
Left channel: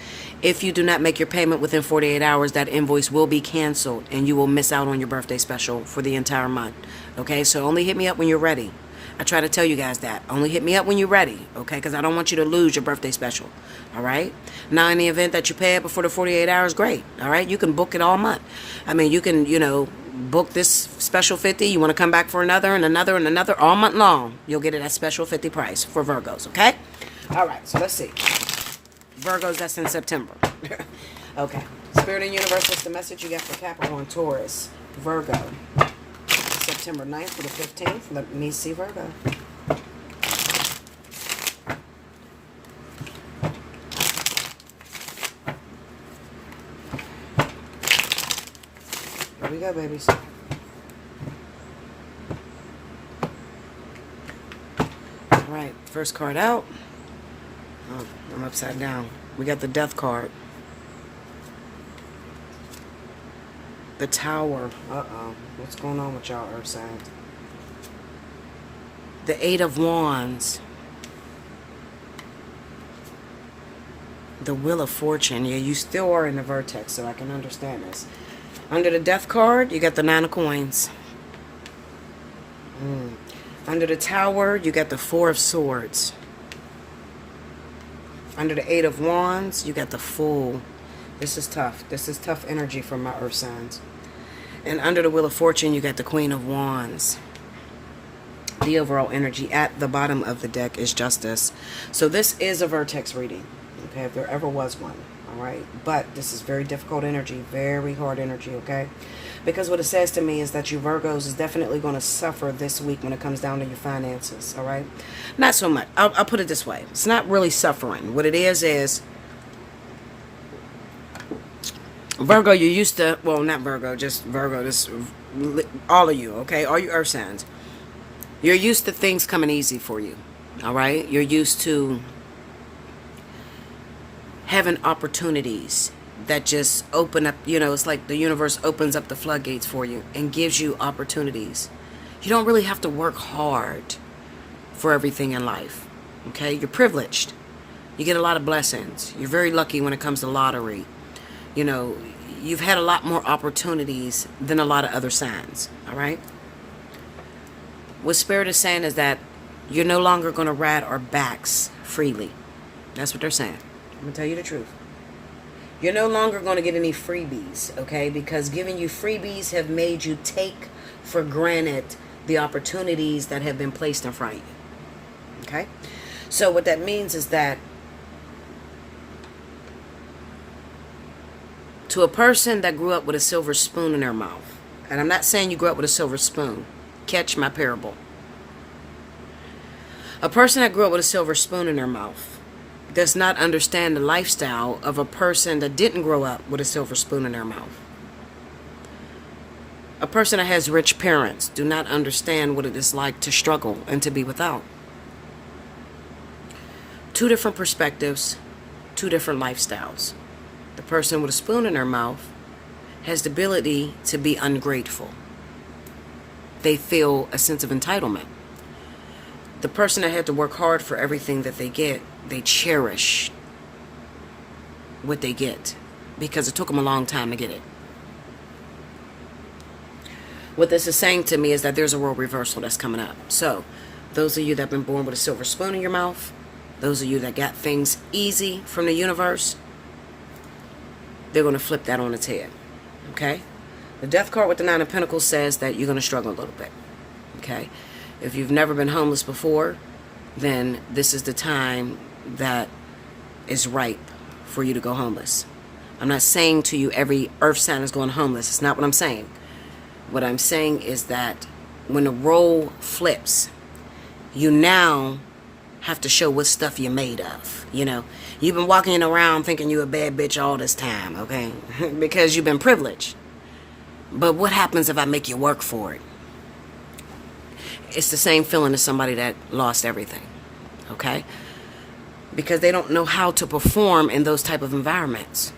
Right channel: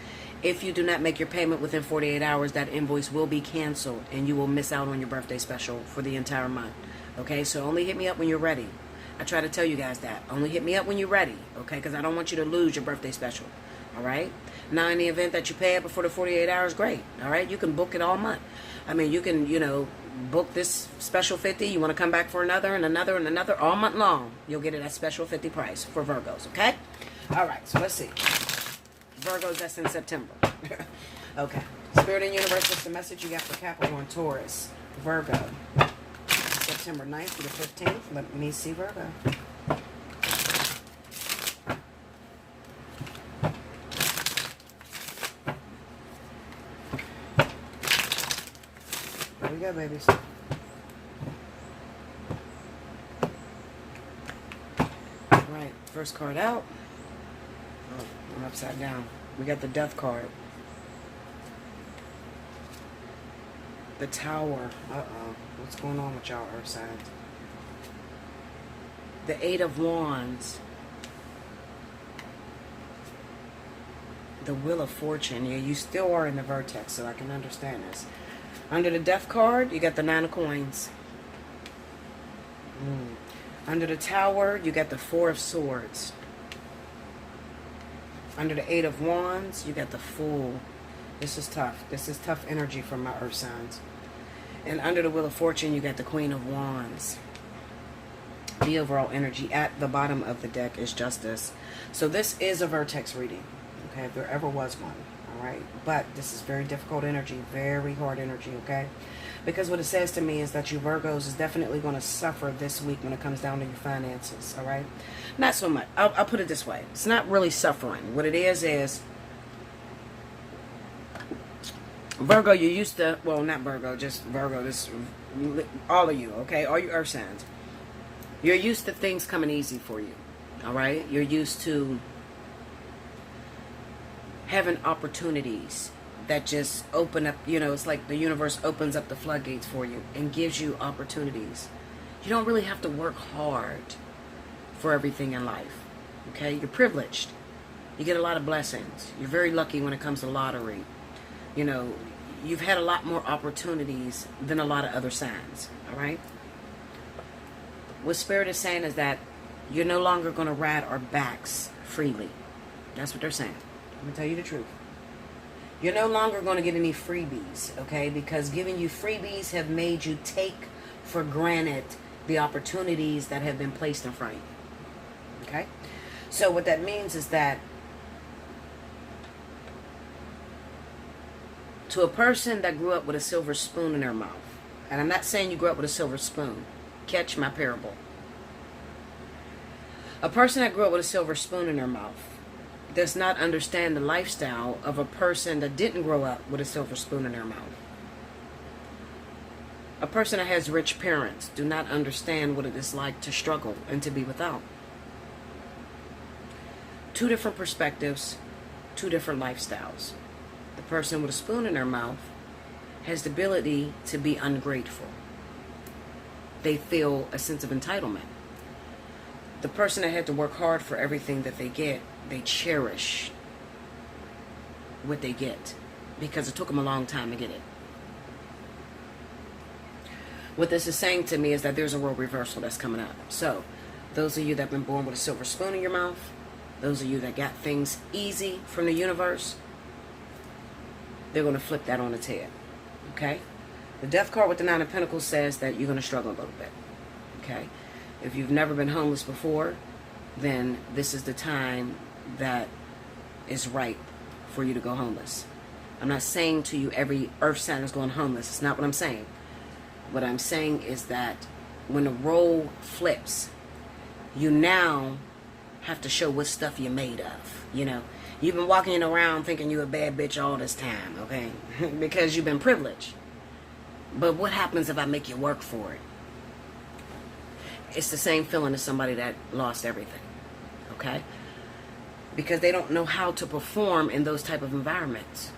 If you do not make your payment within 48 hours, that invoice will be canceled and you will miss out on your birthday special for the entire month. Okay, so only hit me up when you're ready. I try to tell you guys that. Only hit me up when you're ready, okay? Because I don't want you to lose your birthday special, all right? Now, in the event that you pay it before the 48 hours, great, all right? You can book it all month. I mean, you can, you know, book this special 50. You want to come back for another and another and another all month long. You'll get it at special 50 price for Virgos, okay? All right, so let's see. Virgos, that's in September. Okay. Spirit and Universe, what's the message you got for Capricorn, Taurus, Virgo? September 9th to the 15th. Let me see Virgo. Here we go, babies. All right, first card out. Oh, I'm upside down. We got the Death card. The Tower. Uh-oh. What's going on with y'all, Earth signs? The Eight of Wands. The Wheel of Fortune. Yeah, you still are in the vertex, so I can understand this. Under the Death card, you got the Nine of Coins. Under the Tower, you got the Four of Swords. Under the Eight of Wands, you got the Fool. This is tough. This is tough energy from my earth signs. And under the Wheel of Fortune, you got the Queen of Wands. The overall energy at the bottom of the deck is Justice. So this is a Vertex reading, okay, if there ever was one, all right? But this is very difficult energy, very hard energy, okay? Because what it says to me is that you Virgos is definitely going to suffer this week when it comes down to your finances, all right? Not so much. I'll put it this way. It's not really suffering. What it is Virgo, you're used to, well, not Virgo, just Virgo, this, all of you, okay? All you earth signs. You're used to things coming easy for you, all right? You're used to having opportunities that just open up, you know, it's like the universe opens up the floodgates for you and gives you opportunities. You don't really have to work hard for everything in life, okay? You're privileged. You get a lot of blessings. You're very lucky when it comes to lottery. You know, you've had a lot more opportunities than a lot of other signs, all right? What Spirit is saying is that you're no longer going to ride our backs freely. That's what they're saying. I'm going to tell you the truth. You're no longer going to get any freebies, okay? Because giving you freebies have made you take for granted the opportunities that have been placed in front of you, okay? So what that means is that to a person that grew up with a silver spoon in their mouth, and I'm not saying you grew up with a silver spoon. Catch my parable. A person that grew up with a silver spoon in their mouth does not understand the lifestyle of a person that didn't grow up with a silver spoon in their mouth. A person that has rich parents do not understand what it is like to struggle and to be without. Two different perspectives, two different lifestyles. The person with a spoon in their mouth has the ability to be ungrateful. They feel a sense of entitlement. The person that had to work hard for everything that they get, they cherish what they get because it took them a long time to get it. What this is saying to me is that there's a role reversal that's coming up. So, those of you that have been born with a silver spoon in your mouth, those of you that got things easy from the universe, they're going to flip that on its head. Okay? The Death card with the Nine of Pentacles says that you're going to struggle a little bit. Okay? If you've never been homeless before, then this is the time that is ripe for you to go homeless. I'm not saying to you every earth sign is going homeless. It's not what I'm saying. What I'm saying is that when the role flips, you now have to show what stuff you're made of. You know, you've been walking around thinking you're a bad bitch all this time, okay? Because you've been privileged. But what happens if I make you work for it? It's the same feeling as somebody that lost everything, okay? Because they don't know how to perform in those type of environments.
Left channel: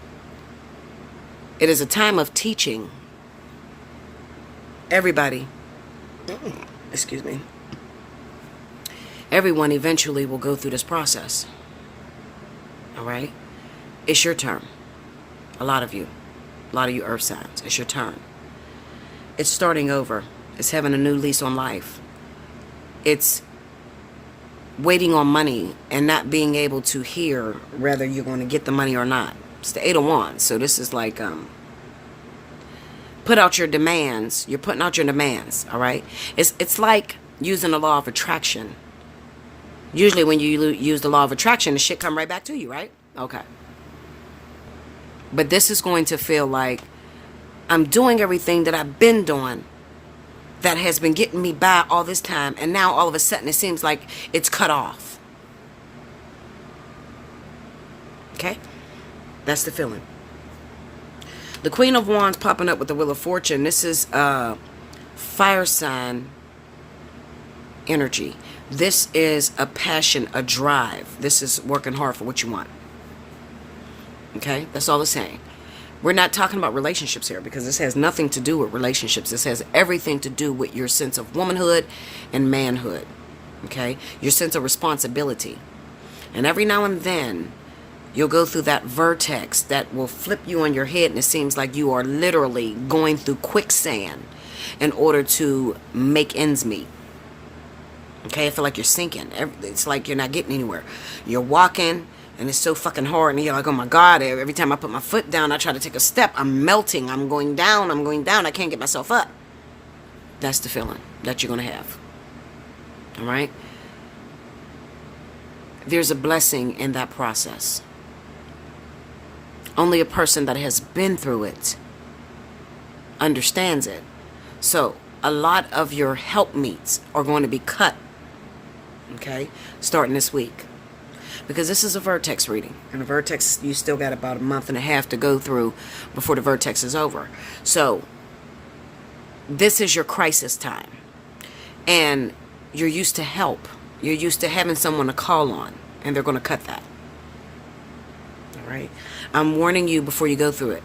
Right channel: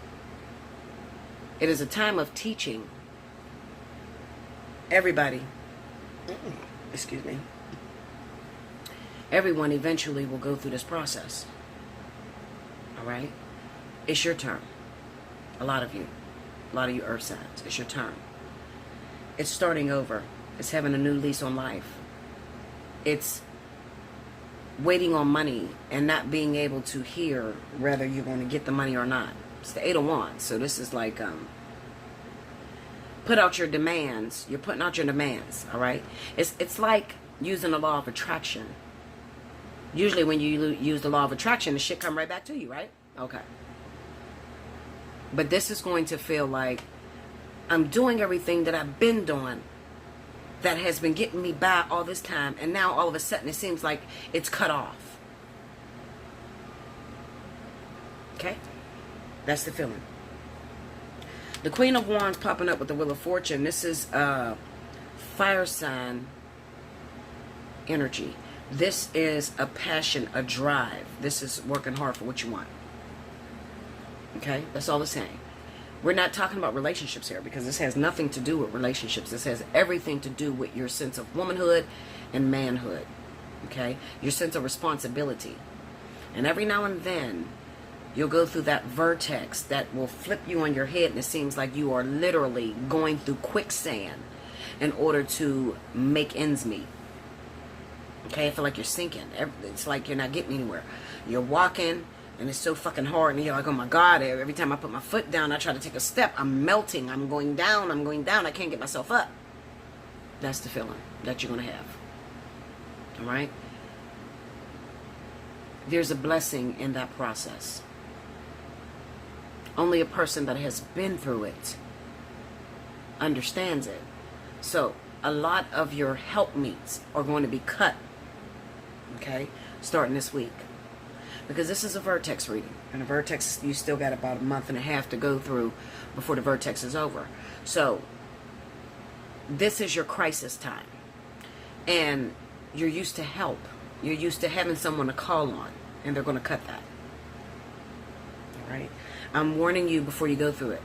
It is a time of teaching. Everybody, excuse me, everyone eventually will go through this process, all right? It's your turn. A lot of you earth signs, it's your turn. It's starting over. It's having a new lease on life. It's waiting on money and not being able to hear whether you're going to get the money or not. It's the Eight of Wands. So this is like, put out your demands. You're putting out your demands, all right? It's like using the law of attraction. Usually when you use the law of attraction, the shit come right back to you, right? Okay. But this is going to feel like I'm doing everything that I've been doing that has been getting me by all this time, and now all of a sudden it seems like it's cut off. Okay? That's the feeling. The Queen of Wands popping up with the Wheel of Fortune. This is fire sign energy. This is a passion, a drive. This is working hard for what you want. Okay? That's all it's saying. We're not talking about relationships here because this has nothing to do with relationships. This has everything to do with your sense of womanhood and manhood. Okay? Your sense of responsibility. And every now and then, You'll go through that vertex that will flip you on your head, and it seems like you are literally going through quicksand in order to make ends meet. Okay, I feel like you're sinking. It's like you're not getting anywhere. You're walking, and it's so fucking hard, and you're like, oh my God, every time I put my foot down, I try to take a step, I'm melting, I'm going down, I can't get myself up. That's the feeling that you're going to have. All right? There's a blessing in that process. Only a person that has been through it understands it. So, a lot of your helpmeets are going to be cut, okay, starting this week. Because this is a vertex reading. And a vertex, you still got about a month and a half to go through before the vertex is over. So, this is your crisis time. And you're used to help. You're used to having someone to call on. And they're going to cut that. All right? I'm warning you before you go through it.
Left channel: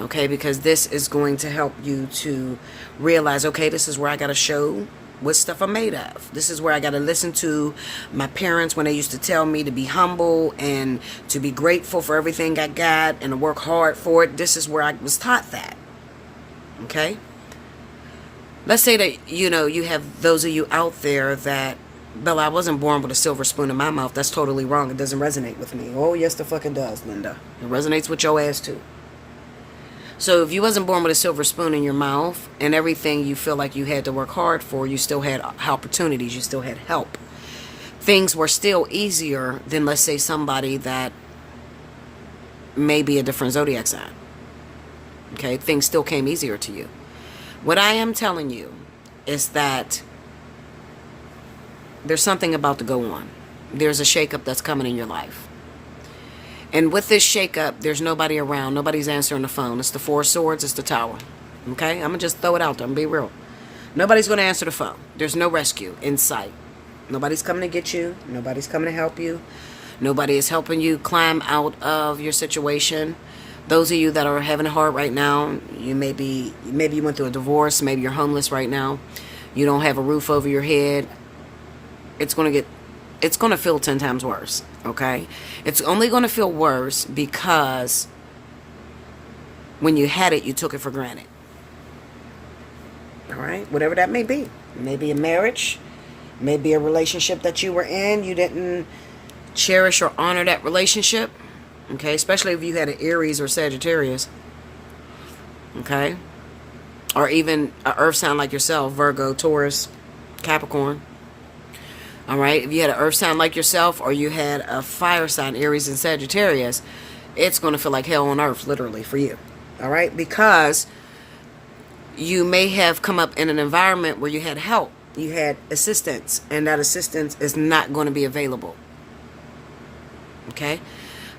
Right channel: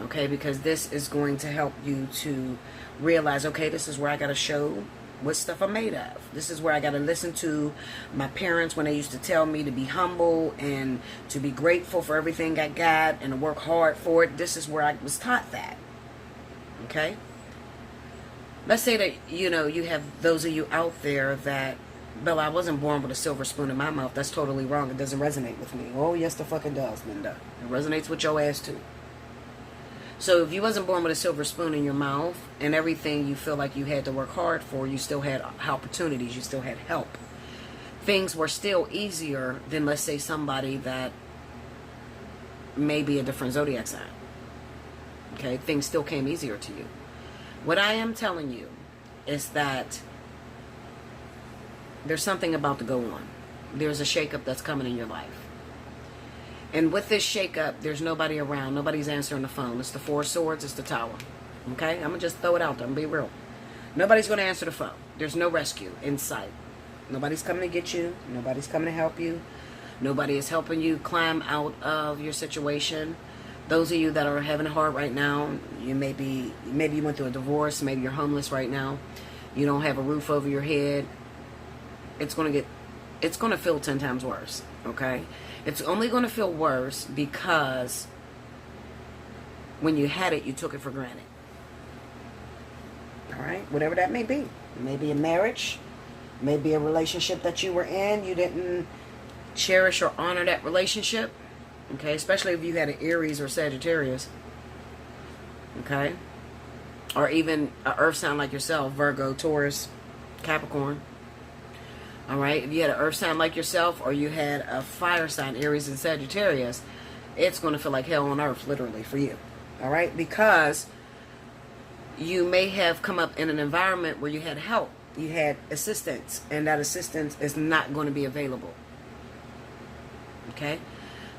Okay? Because this is going to help you to realize, okay, this is where I got to show what stuff I'm made of. This is where I got to listen to my parents when they used to tell me to be humble and to be grateful for everything I got and to work hard for it. This is where I was taught that. Okay? Let's say that, you have those of you out there that, Bella, I wasn't born with a silver spoon in my mouth. That's totally wrong. It doesn't resonate with me. Oh, yes, the fucking does, Linda. It resonates with your ass, too. So if you wasn't born with a silver spoon in your mouth and everything you feel like you had to work hard for, you still had opportunities, you still had help. Things were still easier than, let's say, somebody that may be a different zodiac sign. Okay? Things still came easier to you. What I am telling you is that there's something about to go on. There's a shakeup that's coming in your life. And with this shakeup, there's nobody around. Nobody's answering the phone. It's the Four of Swords. It's the Tower. Okay? I'm going to just throw it out there. I'm going to be real. Nobody's going to answer the phone. There's no rescue in sight. Nobody's coming to get you. Nobody's coming to help you. Nobody is helping you climb out of your situation. Those of you that are having it hard right now, maybe you went through a divorce. Maybe you're homeless right now. You don't have a roof over your head. It's going to feel 10 times worse, okay? It's only going to feel worse because when you had it, you took it for granted. All right? Whatever that may be. It may be a marriage. It may be a relationship that you were in. You didn't cherish or honor that relationship, okay? Especially if you had an Aries or Sagittarius, okay? Or even an earth sign like yourself, Virgo, Taurus, Capricorn. All right, if you had an earth sign like yourself or you had a fire sign, Aries and Sagittarius, it's going to feel like hell on earth, literally, for you. All right, because you may have come up in an environment where you had help, you had assistance, and that assistance is not going to be available. Okay,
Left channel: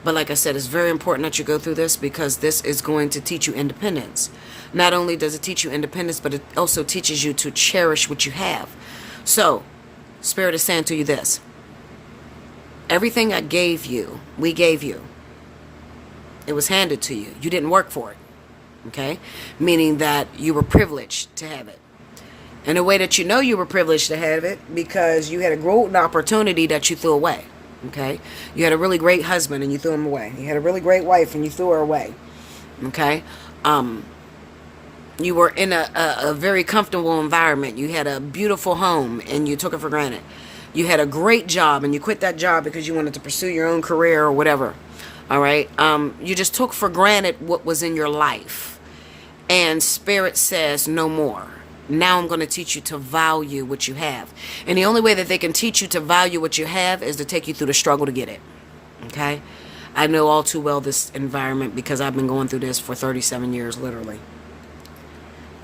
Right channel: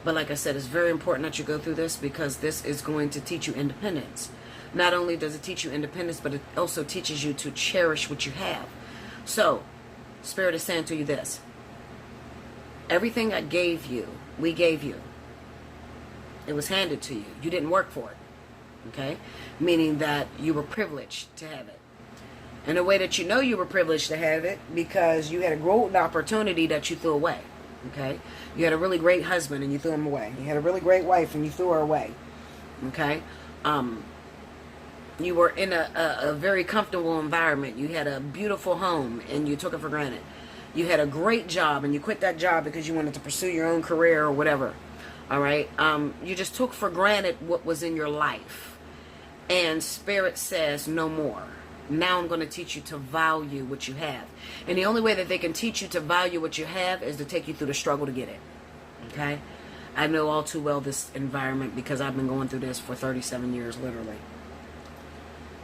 but like I said, it's very important that you go through this because this is going to teach you independence. Not only does it teach you independence, but it also teaches you to cherish what you have. So, Spirit is saying to you this. Everything I gave you, we gave you. It was handed to you. You didn't work for it. Okay? Meaning that you were privileged to have it. And the way that you know you were privileged to have it, because you had a golden opportunity that you threw away. Okay? You had a really great husband and you threw him away. You had a really great wife and you threw her away. Okay? You were in a very comfortable environment. You had a beautiful home and you took it for granted. You had a great job and you quit that job because you wanted to pursue your own career or whatever. All right? You just took for granted what was in your life. And Spirit says no more. Now I'm going to teach you to value what you have. And the only way that they can teach you to value what you have is to take you through the struggle to get it. Okay? I know all too well this environment because I've been going through this for 37 years, literally.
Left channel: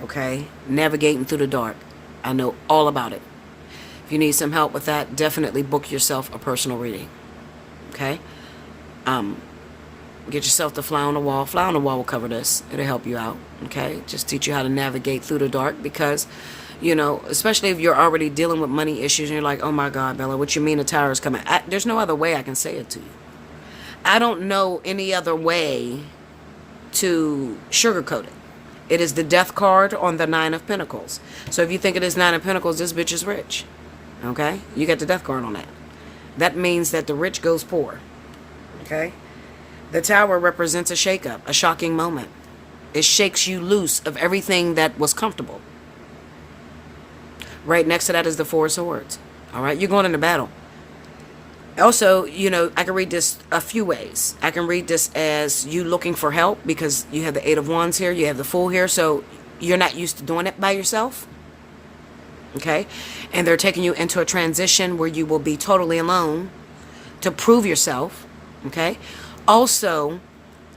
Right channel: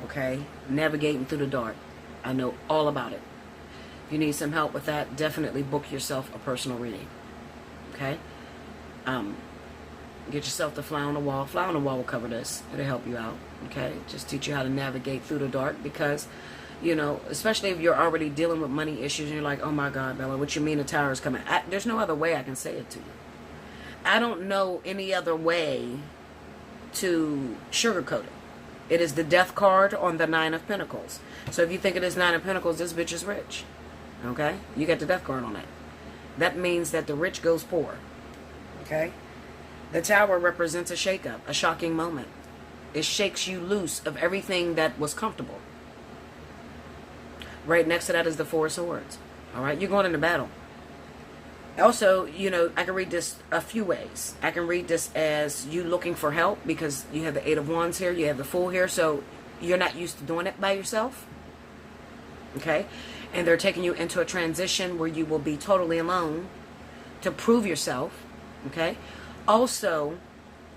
Okay? Navigating through the dark. I know all about it. If you need some help with that, definitely book yourself a personal reading. Okay? Get yourself the Fly on the Wall. Fly on the Wall will cover this. It'll help you out. Okay? Just teach you how to navigate through the dark because, especially if you're already dealing with money issues and you're like, oh my God, Bella, what you mean the tower is coming? There's no other way I can say it to you. I don't know any other way to sugarcoat it. It is the death card on the Nine of Pentacles. So if you think it is Nine of Pentacles, this bitch is rich. Okay? You got the death card on that. That means that the rich goes poor. Okay? The Tower represents a shakeup, a shocking moment. It shakes you loose of everything that was comfortable. Right next to that is the Four of Swords. All right, you're going into battle. Also, you know, I can read this a few ways. I can read this as you looking for help because you have the Eight of Wands here, you have the Fool here, so you're not used to doing it by yourself. Okay? And they're taking you into a transition where you will be totally alone to prove yourself. Okay? Also,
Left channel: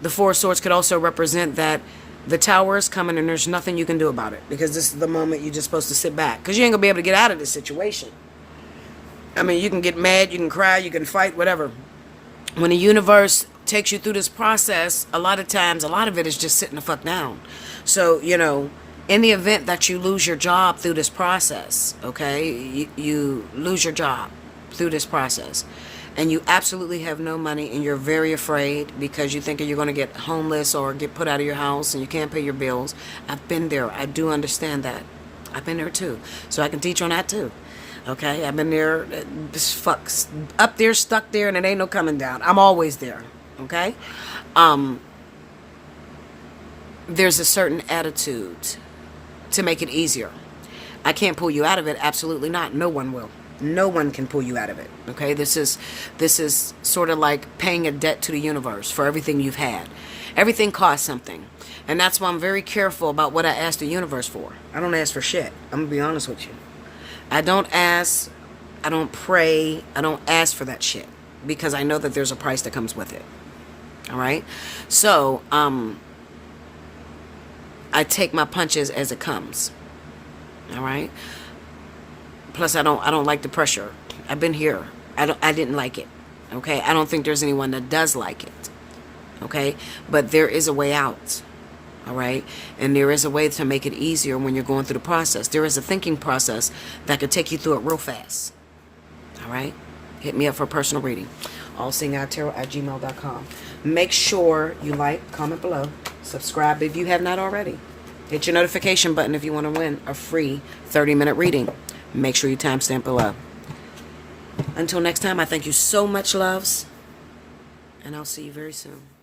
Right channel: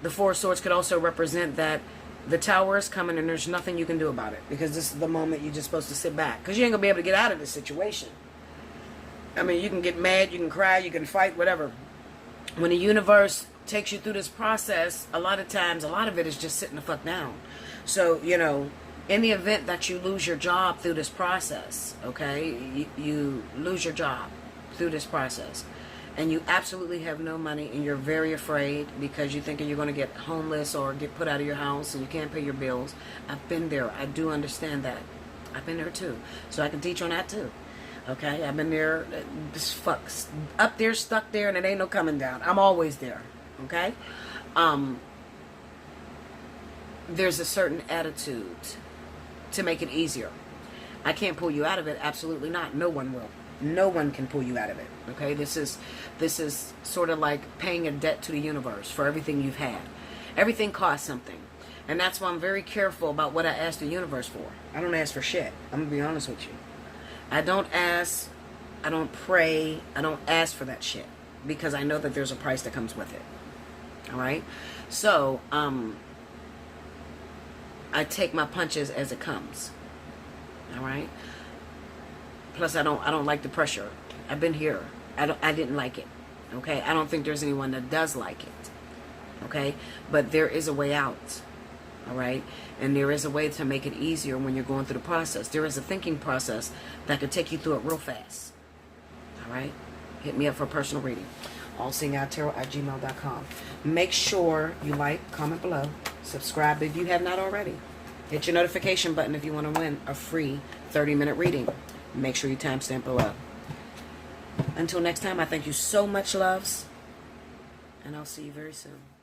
the Four of Swords could also represent that the Tower is coming and there's nothing you can do about it because this is the moment you're just supposed to sit back because you ain't going to be able to get out of this situation. I mean, you can get mad, you can cry, you can fight, whatever. When the universe takes you through this process, a lot of times, a lot of it is just sitting the fuck down. So, you know, in the event that you lose your job through this process, okay, you lose your job through this process, and you absolutely have no money and you're very afraid because you think you're going to get homeless or get put out of your house and you can't pay your bills. I've been there. I do understand that. I've been there too. So I can teach on that too. Okay, I've been there, up there, stuck there, and it ain't no coming down. I'm always there. Okay, there's a certain attitude to make it easier. I can't pull you out of it. Absolutely not. No one will. No one can pull you out of it. Okay, this is sort of like paying a debt to the universe for everything you've had. Everything costs something, and that's why I'm very careful about what I ask the universe for. I don't ask for shit. I'm gonna be honest with you. I don't ask, I don't pray, I don't ask for that shit because I know that there's a price that comes with it. All right? So, I take my punches as it comes. All right? Plus I don't like the pressure. I've been here. I didn't like it. Okay? I don't think there's anyone that does like it. Okay? But there is a way out. All right, and there is a way to make it easier when you're going through the process. There is a thinking process that could take you through it real fast. All right, hit me up for a personal reading. Allseeingeyetarot@gmail.com. Make sure you like, comment below, subscribe if you have not already. Hit your notification button if you want to win a free 30-minute reading. Make sure you timestamp below. Until next time, I thank you so much, loves, and I'll see you very soon.